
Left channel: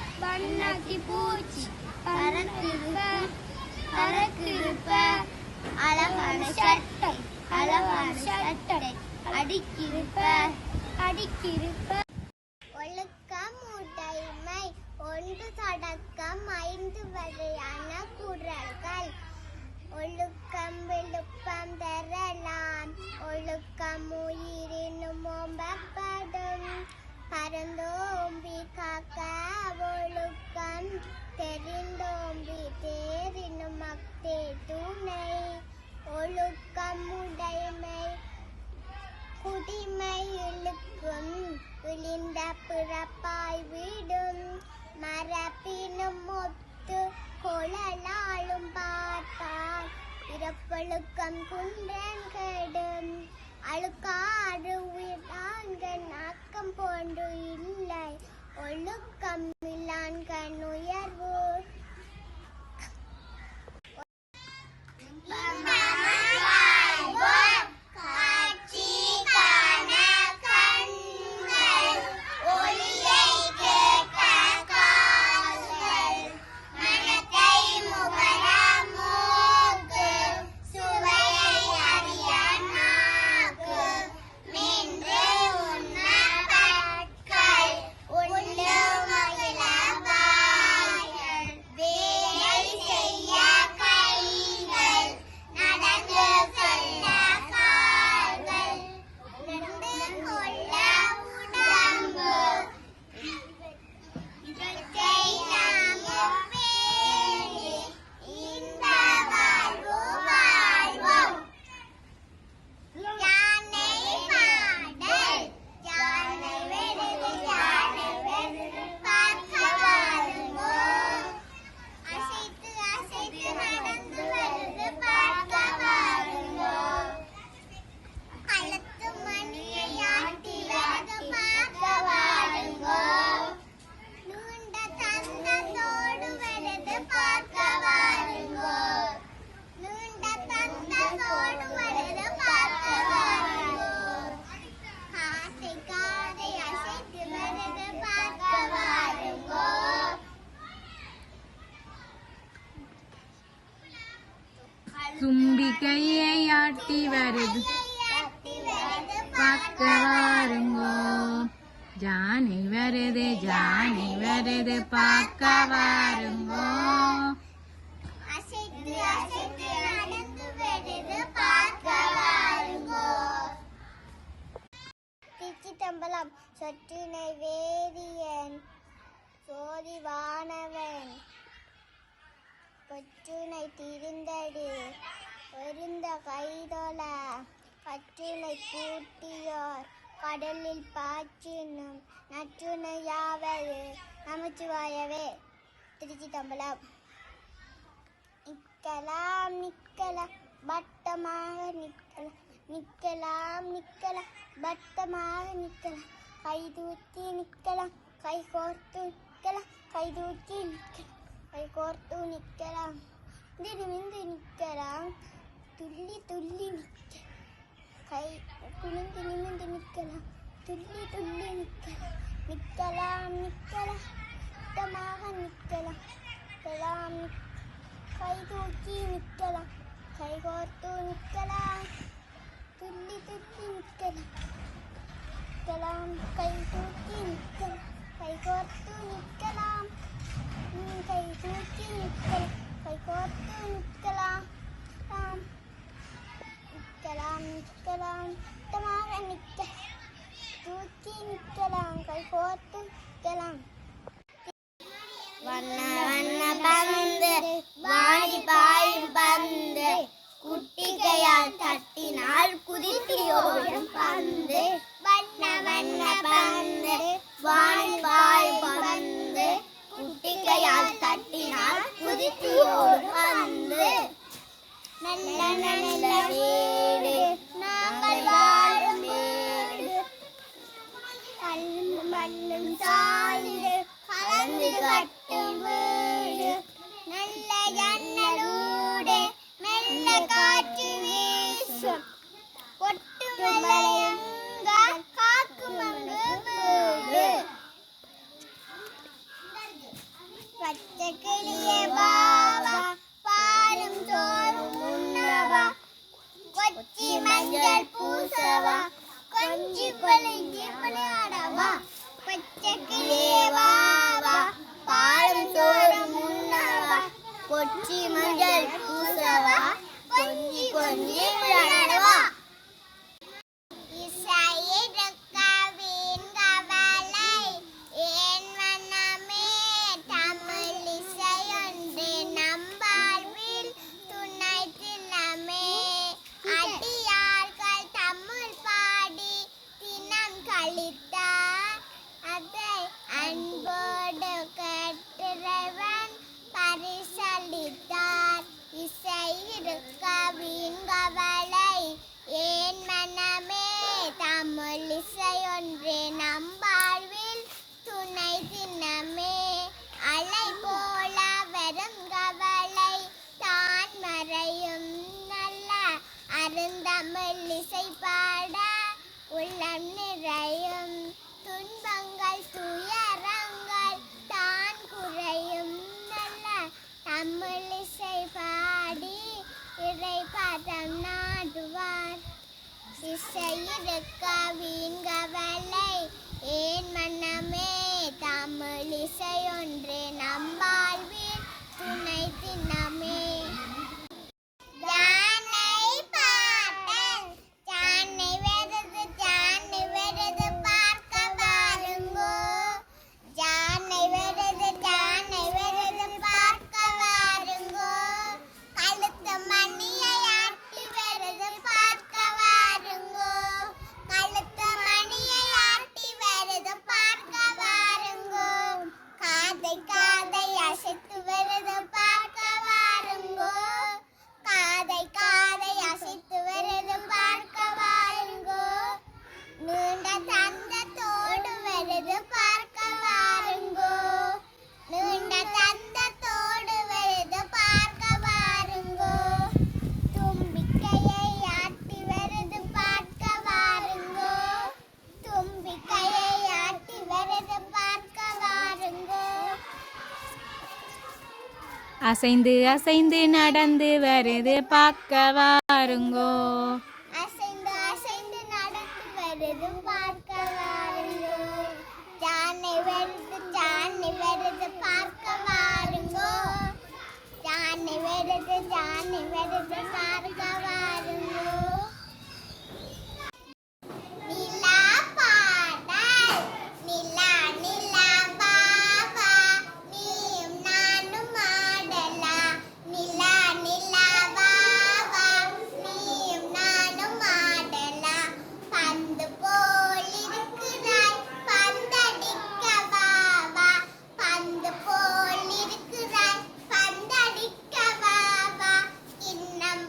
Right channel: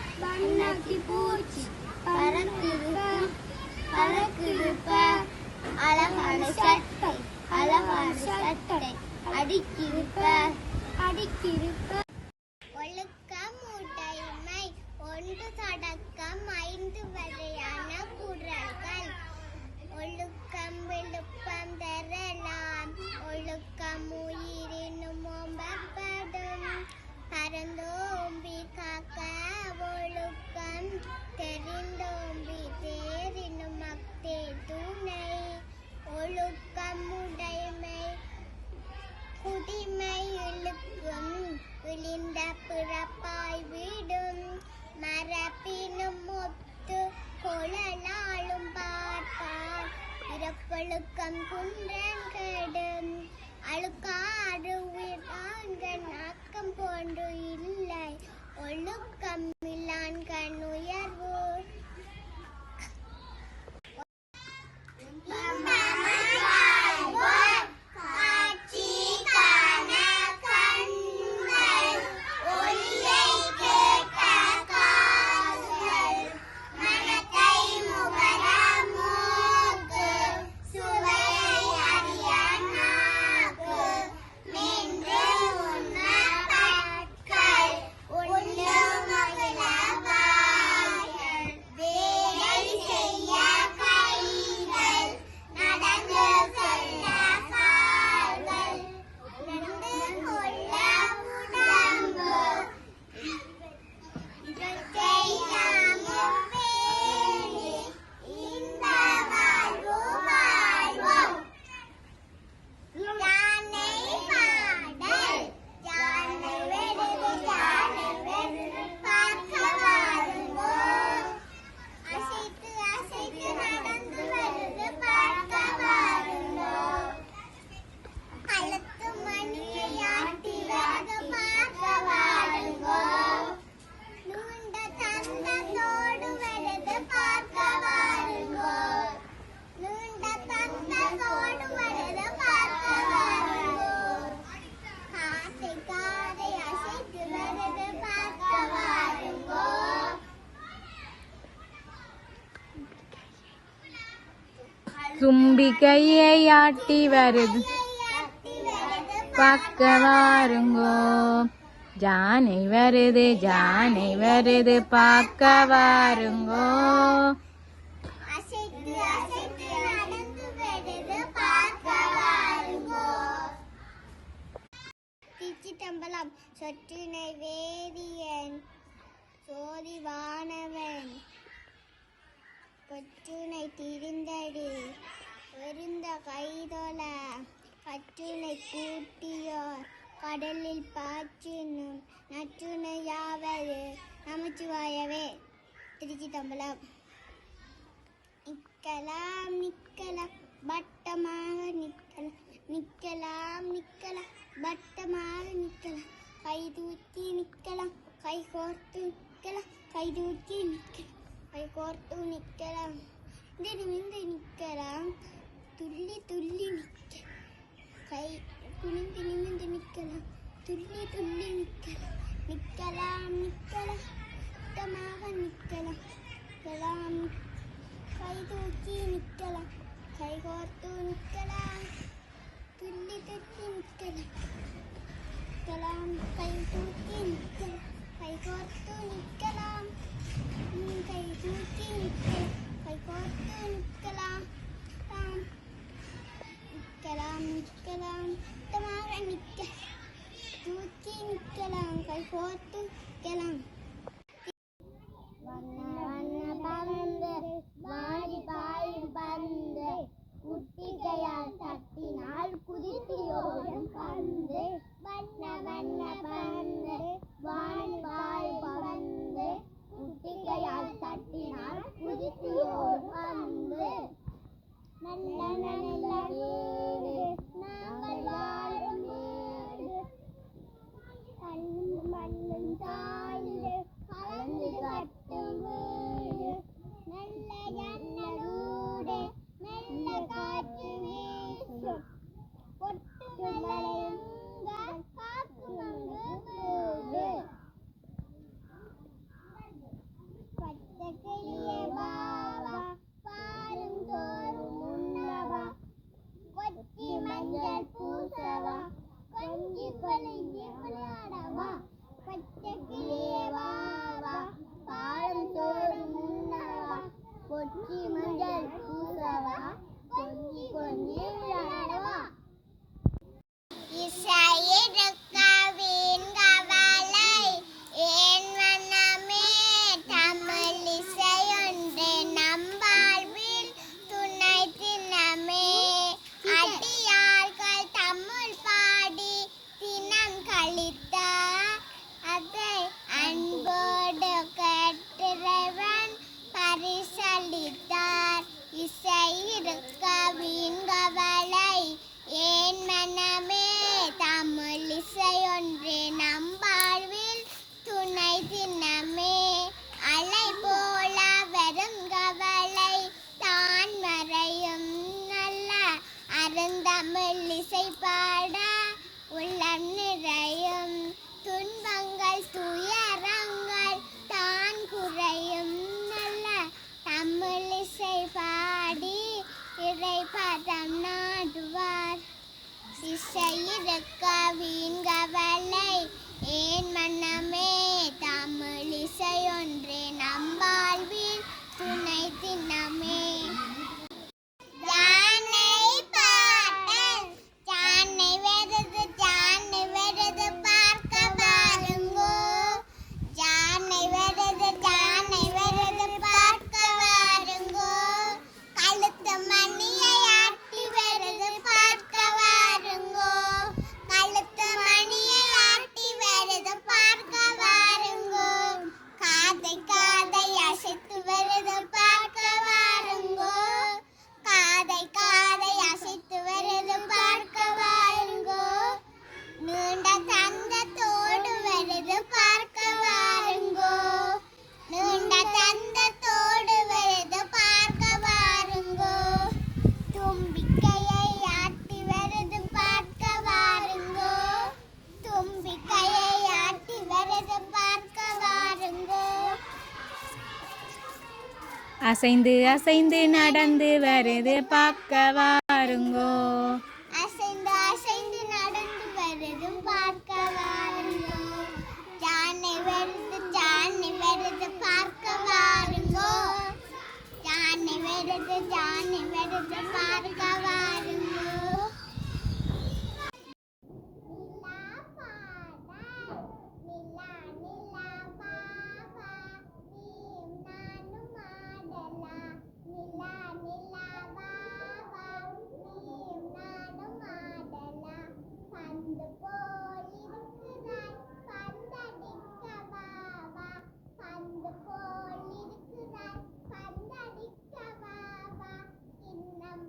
பறக்குதுப்ப அழகான சட்டை அடிக்கிருப்ப ஒழுக்கம் உடைமை ஒன்று தொடக்கம் 5 வரையான குறள்கள் ஒழுக்கம் விழுப்பம் தரலாம் ஒழுக்கம் உயிரினும் ஓம்பப்படும் பரந்தோம்பி காக்க ஒழுக்கம் தெரிந்தோம்பி தேரினும் அக்தே துணை ஒழுக்கம் உடைமை குடிமை இழுக்கும் விழிந்த பிறப்பாய் விடும் மரப்பினும் ஒத்து கொழலாலும் பார்ப்பார் இறப்பொழுக்கம் குன்றன் கெடும் அழுக்காறு உயிர்கண் ஆக்கம் போன்று இல்லை ஒழுக்கம் இல்லான்கண் உயர்வு தும்பிக்கையை ஆட்டி வருது பார்க்க வாருங்கோ ஜானை வருது பார்க்க வாருங்கோ திருச்சிற்றம்பலம் சொற்றினை வேதியன் சோதி வானவன் கொற்றுனை திரிந்தடி எரிந்த கைதொல கற்றுனை கூட்டியோர் கடலில் பாய்ச்சினும் நற்றுணையாவது நமச்சிவாயவே. திருச்சிற்றம்பலம். நிக்கலாம் பட்டமாக நிக்கலாம் பட்டமாக நிக்கலாம் கைதூக்கி நிக்கலாம் கை கோர்த்து நிக்கலாம் கைதூக்கி நிக்கலாம் கை கோர்த்து நிக்கலாம் நிமிர்ந்து நிக்கலாம் துள்ளி நிக்கலாம் கை குனிந்து நிமிர்ந்து நிக்கலாம் துள்ளி நிக்கலாம் பட்டமாக நிக்கலாம் கை தூக்கி நிக்கலாம் கை கோர்த்து நிக்கலாம் கை தூக்கி நிற்கலாம், கை கோர்த்து நிற்கலாம். கை தூக்கி நிற்கலாம், கை கோர்த்து நிற்கலாம். தாம் நிற்கலாம், நிற்கலாம், தமாக நிற்க தூக்கி நிற்கலாம், கை கோர்த்து நிற்கலாம். வண்ண வண்ண பந்து வாடி பாயும் பந்து, குட்டிகையால் தட்டினால் குதித்து ஓடும் பந்து. வண்ண வண்ண பந்து வாடி பாயும் பந்து, குட்டிகையால் தட்டினால் குதித்து ஓடும் பந்து. நல்ல நல்ல வீடு நாங்கள் வாழும் வீடு, கல்லும் மண்ணும் சாய்ந்து கலந்து கட்டும் வீடு. நல்ல ஜன்னலூடே மெல்ல காற்று வீசும், கொட்டும் மலையங்கால் காக்கும் அங்கு வீடு. பச்சை கிளியே வா வா, பாலும் சோறும் உண்ணவா, கொச்சி மஞ்சள் பூசவா, கொஞ்சி கொலைஞ்சி விளையாடவா. பச்சை கிளியே வா வா, பாலும் சோறும் உண்ணவா, கொச்சி மஞ்சள் பூசவா, கொஞ்சி கொஞ்சி விளையாடவா. இசையிருக்கவின் கவலை ஏன் மனமே, தமிழ் இசையொன்று நம் வாழ்வில் துணை தினமே. அடியார்கள் தமிழ் பாடி தினம் கழித்தார், அதை அன்போடு கேட்டிறைவன் பரிசளித்தார். இசையிருக்கவின் கவலை ஏன் மனமே, தமிழ் இசையொன்றே நம் வாழ்வில் துணை தினமே. அலை போல வரும் கவலை தான் மறையும், நல்ல அருந்தமிழ் இசை பாட உள்ளம் நிறையும். துன்பங்கள் துயரங்கள் தான் குறையும், நல்ல தமிழ் இசை பாடி இறை பதம் நாடுவார். இசையிருக்கவின் கவலை ஏன் மனமே, தமிழ் இசையொன்றே நம் வாழ்வில் துணை தினமே. ஜானை பாட்டல் ஜானை வருது, ஜானை வருது பார்க்க வாருங்கோ. ஜானை வருது, ஜானை வருது பார்க்க வாருங்கோ. கழுத்து மணியை ஆட்டி வருது பார்க்க வாருங்கோ. கழுத்து மணியை ஆட்டி வருது பார்க்க வாருங்கோ. காதை காதை அசைத்து வருது பார்க்க வாருங்கோ. காதை காதை அசைத்து வருது பார்க்க வாருங்கோ. நீண்ட தந்தத்தோடு வருது பார்க்க வாருங்கோ. நீண்ட தந்தத்தோடு வருது பார்க்க வாருங்கோ. தும்பிக்கையை ஆட்டி வருது பார்க்க வாருங்கோ. தும்பிக்கையை ஆட்டி வருது பார்க்க வாருங்கோ. அசைந்து அசைந்து நடந்து வருது பார்க்க வாருங்கோ. அசைந்து அசைந்து நடந்து வருது பார்க்க வாருங்கோ. ஜானை வருது, ஜானை வருது பார்க்க வாருங்கோ. ஜானை வருது, ஜானை வருது பார்க்க வாருங்கோ. நிலா பாடல் நிலா நிலா பாபா, நீயும் நானும் ஆடலாம். நிலா நிலா பாபா, நீயும் நானும் ஆடலாம். பந்து போல் இருக்கிறாய் பந்தடிக்க பாபா, பந்து போல் இருக்கிறாய் பந்தடிக்க பாபா. கிண்ணம்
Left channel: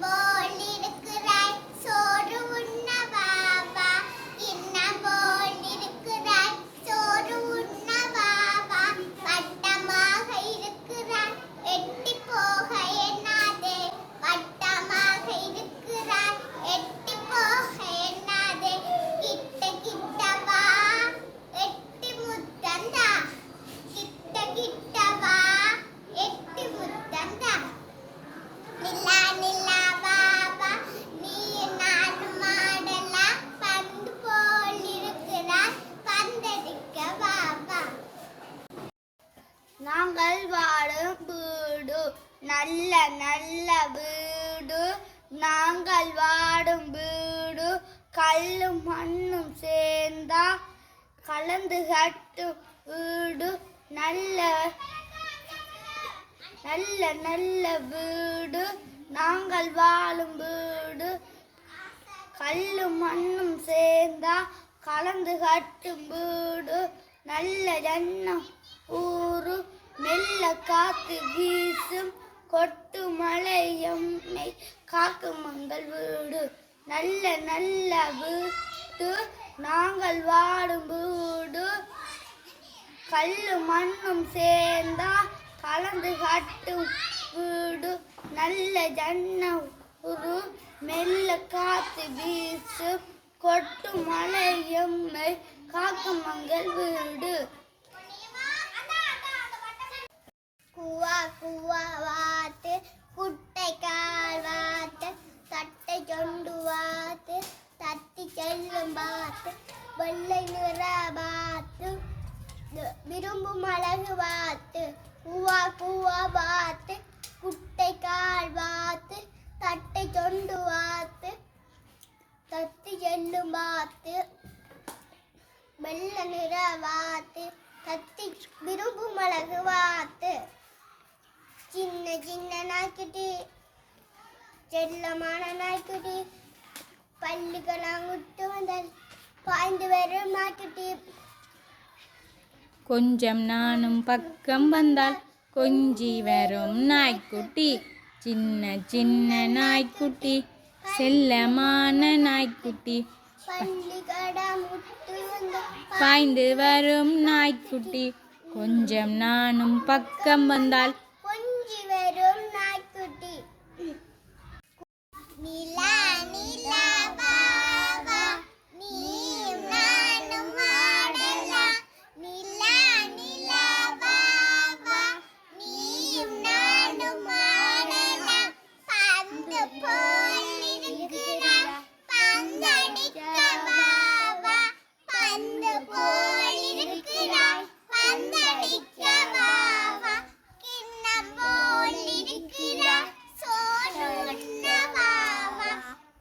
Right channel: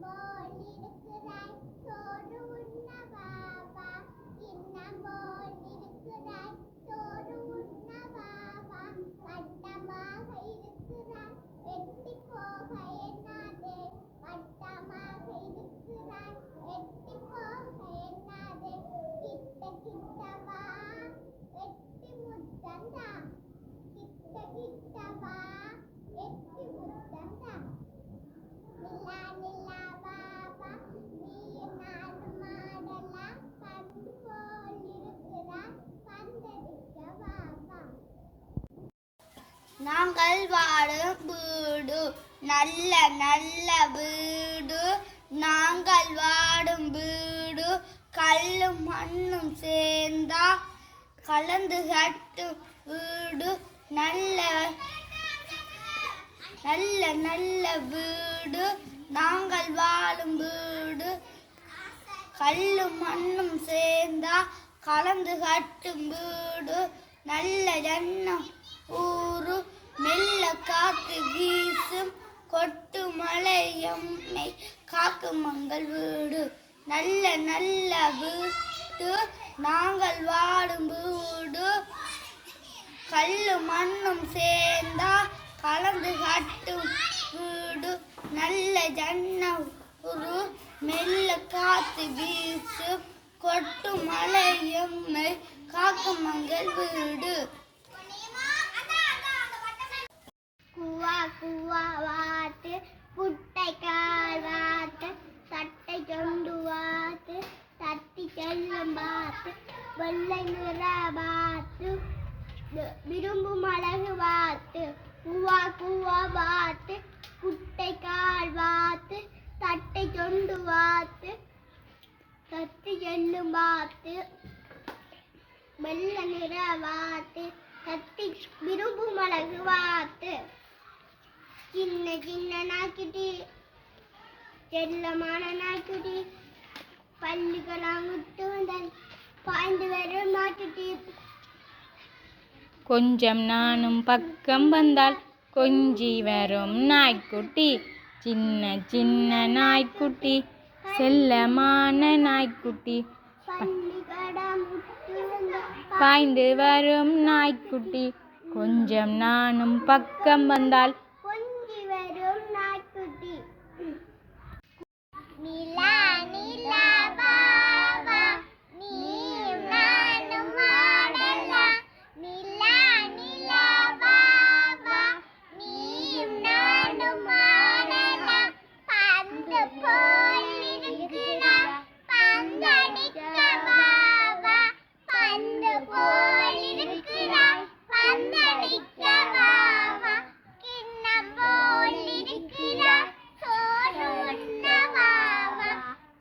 நாங்கள் வாழும் வீடு நல்ல நல்ல வீடு நாங்கள் வாடும் வீடு கல்லும் மண்ணும் சேர்ந்தா கலந்து கட்டும் வீடு நல்ல நல்ல நல்ல வீடு நாங்கள் வாழும் வீடு கல்லும் மண்ணும் சேர்ந்தா கலந்து கட்டும் வீடு நல்ல எண்ணம் ஊரு மெல்ல காத்து வீசும் கொட்டு மழை எம்மை காக்கும் மங்கள் வீடு நல்ல நல்ல வீடு நாங்கள் வாடும் வீடு கல்லும் மண்ணும் சேர்ந்தா கலந்து கட்டும் வீடு நல்ல ஜன்னம் ஒரு மெல்ல காத்து வீசு கொட்டு மழை எம்மை காக்கும் மங்கள் வீடு குவா குவா வாத்து குட்டை கால் வாத்து தட்டை கொண்டு வாத்து தட்டி செல்லும் பாத்து வெள்ளை நிற பாத்து விரும்பும் அழகு வாத்து குவா குவா வாத்து குட்டை கால் வாத்து தட்டை கொண்டு வாத்து தட்டி செல்லும் வாத்து வெள்ளை நிற வாத்து தட்டி விரும்பும் அழகு வாத்து சின்ன சின்ன நாய்க்குட்டி செல்லமான நாய்க்குட்டி பள்ளிக்கெல்லாம் விட்டு வந்தால் பாய்ந்து வரும் நாய்க்குட்டி கொஞ்சம் நானும் பக்கம் வந்தால் கொஞ்சி வரும் நாய்க்குட்டி சின்ன சின்ன நாய்க்குட்டி செல்லமான நாய்க்குட்டி பாய்ந்து வரும் நாய்க்குட்டி கொஞ்சம் நானும் பக்கம் வந்தால் கொஞ்சி வரும் நாய்க்குட்டி நிலா நிலா வா வா நீயும் நானும் ஆடலாம் நிலா நிலா வா வா நீயும் நானும் ஆடலாம் பந்து போல் இருக்கிறான் பந்தடிக்க வா வா பந்து போல் இருக்கிறான் பந்தடிக்க வா வா கிண்ணம் போல் இருக்கிறான் சோறு உண்ண வா வா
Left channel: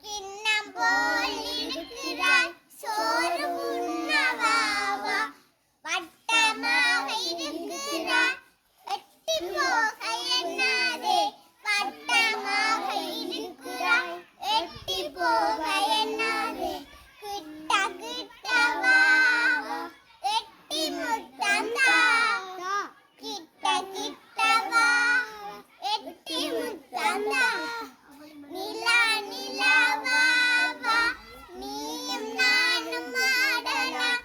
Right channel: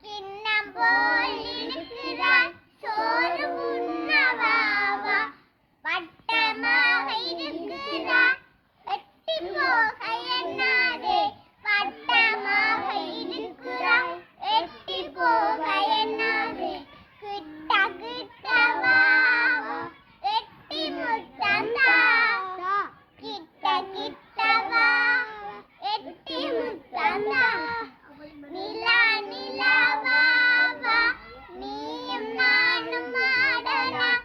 கிண்ணம் போல் இருக்கிறான் சோறு உண்ண வா வா வட்டமாக இருக்கிறான் எட்டி போக எண்ணாதே வட்டமாக இருக்கிறான் எட்டி போக எண்ணாதே கிட்ட கிட்ட வா வா எட்டி முத்தம் தா கிட்ட கிட்ட வா எட்டி முத்தம் தா நிலா நிலா வா வா நீயும் நானும் ஆடலாம்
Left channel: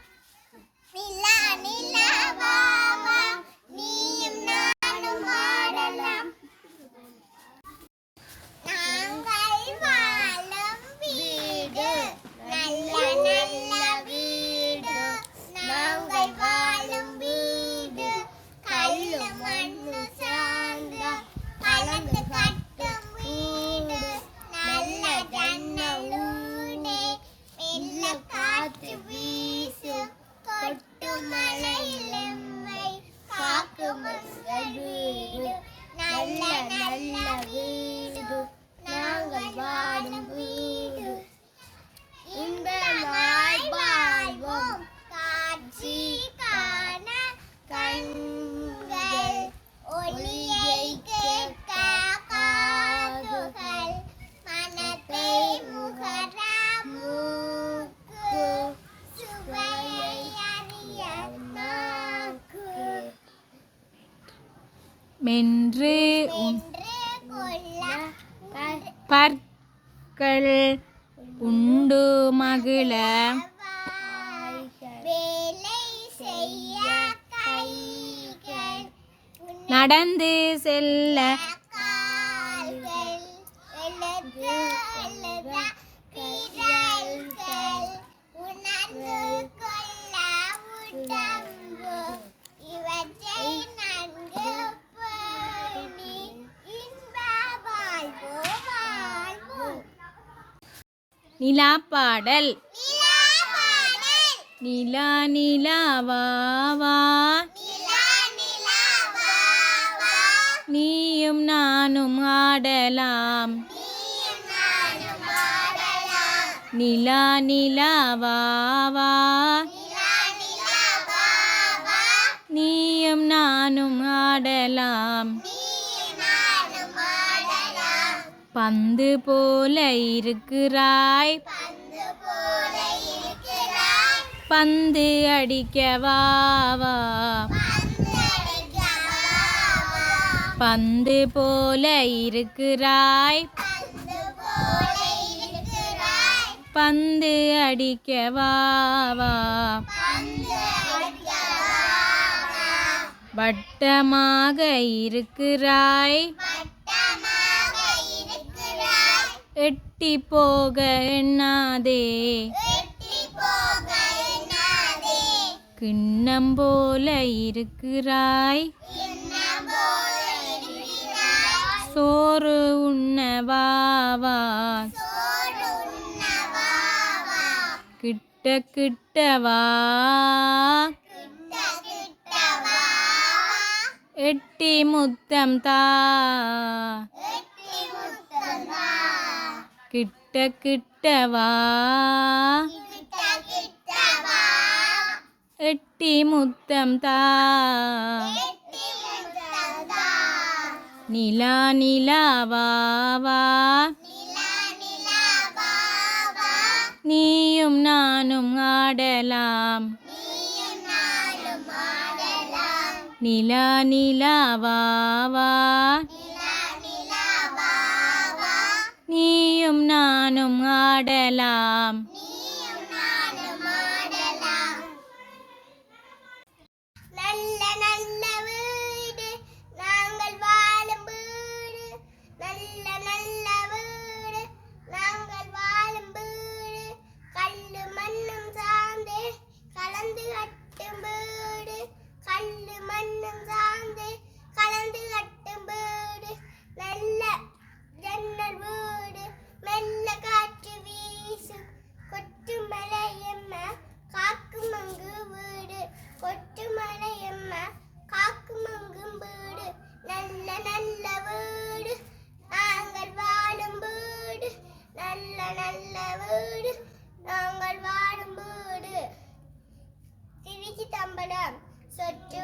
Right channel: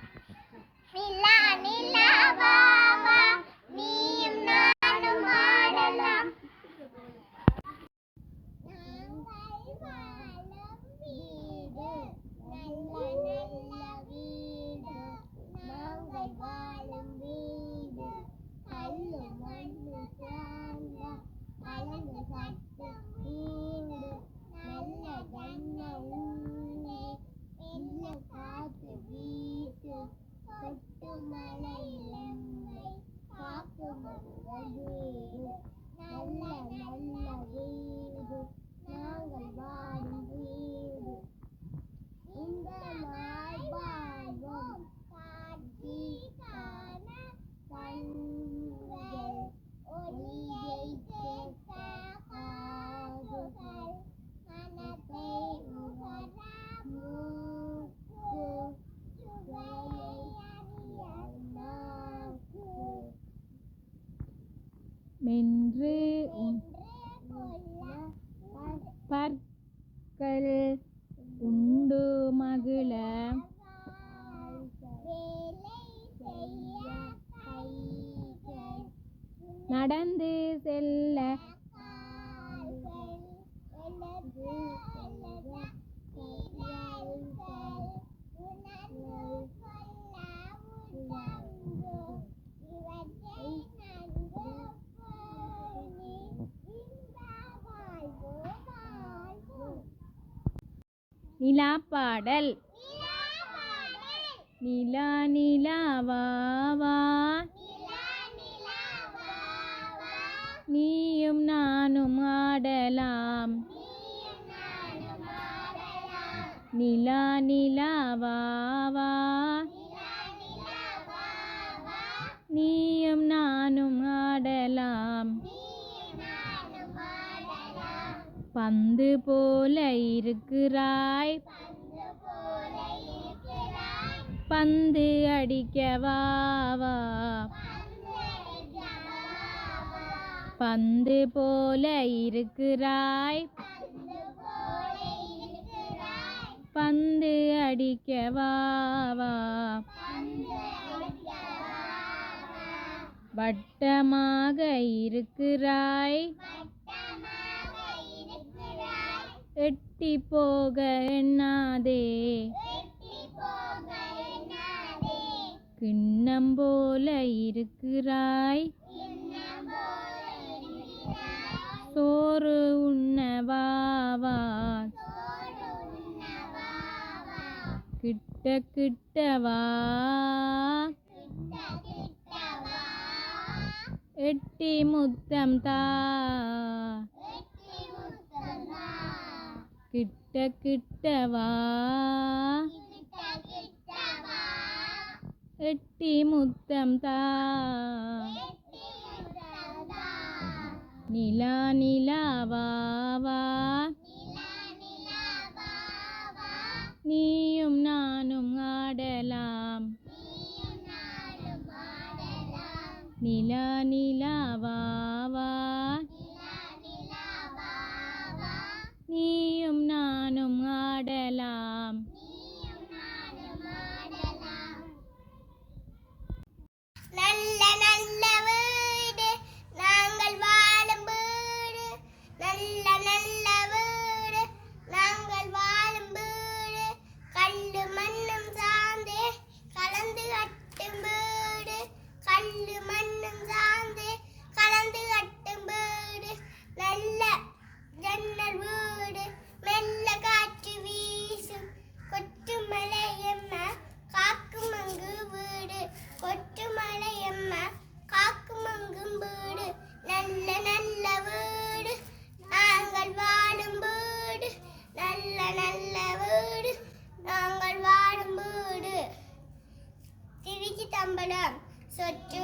நிலா நிலா வா வா நீயும் நானும் ஆடலாம் நாங்கள் வாழும் வீடு நல்ல நல்ல வீடு நாங்கள் வாழும் வீடு கல்லு மண்ணு சார்ந்த கலந்து கட்டும் வீடு நல்ல ஜன்னலூடே மெல்ல காற்று வீசு கொட்டு மழையில் எம்மை காக்கும் மங்கள் வீடு நல்ல நல்ல வீடு நாங்கள் வாழும் வீடு இன்பமாய் வாழ்வோம் காட்சி காண கண்கள் ஒளியை கேட்க காதுகள் மனத்தை முகர மூக்கு சுவையை அறிய நாக்கு மென்று என்று கொள்ள பற்கள் உண்டு மகிழ வேலை செய்ய கைகள் நடந்து செல்ல கால்கள் எழுது எழுத விரல்கள் உணர்ந்து கொள்ள உடம்பு இவற்றை நன்கு பேணி இன்ப வாழ்வு வாழ்வோம் நிலா பாடல் நிலாவாடல் நிலா நிலா வா வா நிலா நிலா வா நீயும் நானும் ஆடலாம் நிலா நிலா வா வா நீயும் நானும் ஆடலாம் பந்து போல இருக்கிறாய் பந்து அடிக்க வா வா பந்து போல இருக்கிறாய் பந்து அடிக்க வா வா வட்டமாக இருக்கிறாய் எட்டி போக எண்ணாதே கிண்ணம் போல இருக்கிறாய் சோறு உண்ண வா வா கிட்ட கிட்ட வா எட்டி முத்தம் தா கிட்ட கிட்ட வா எட்டி முத்தம் தா நிலா நிலா வா வா நீயும் நானும் ஆடலாம் நிலா நிலா வா வா நீயும் நானும் ஆடலாம் நல்ல நல்ல வீடு நாங்கள் வாழும் வீடு நல்ல நல்ல வீடு நாங்கள் வாழும் வீடு கல்லு மண்ணும் சார்ந்தே கலந்து கட்டும் வீடு கல்லு மண்ணும் சார்ந்தே கலந்து கட்டும் வீடு நல்ல ஜன்னல் வீடு மெல்ல காற்று வீசும் கொட்டு மலையம்ம காக்கும் அங்கு வீடு கொட்டு மலையம்ம காக்கும் அங்கும் வீடு நல்ல நல்ல வீடு நாங்கள் வாழும் வீடு நல்ல நல்ல வீடு நாங்கள் வாழும் வீடு திருச்சி தம்பலம் சொற்று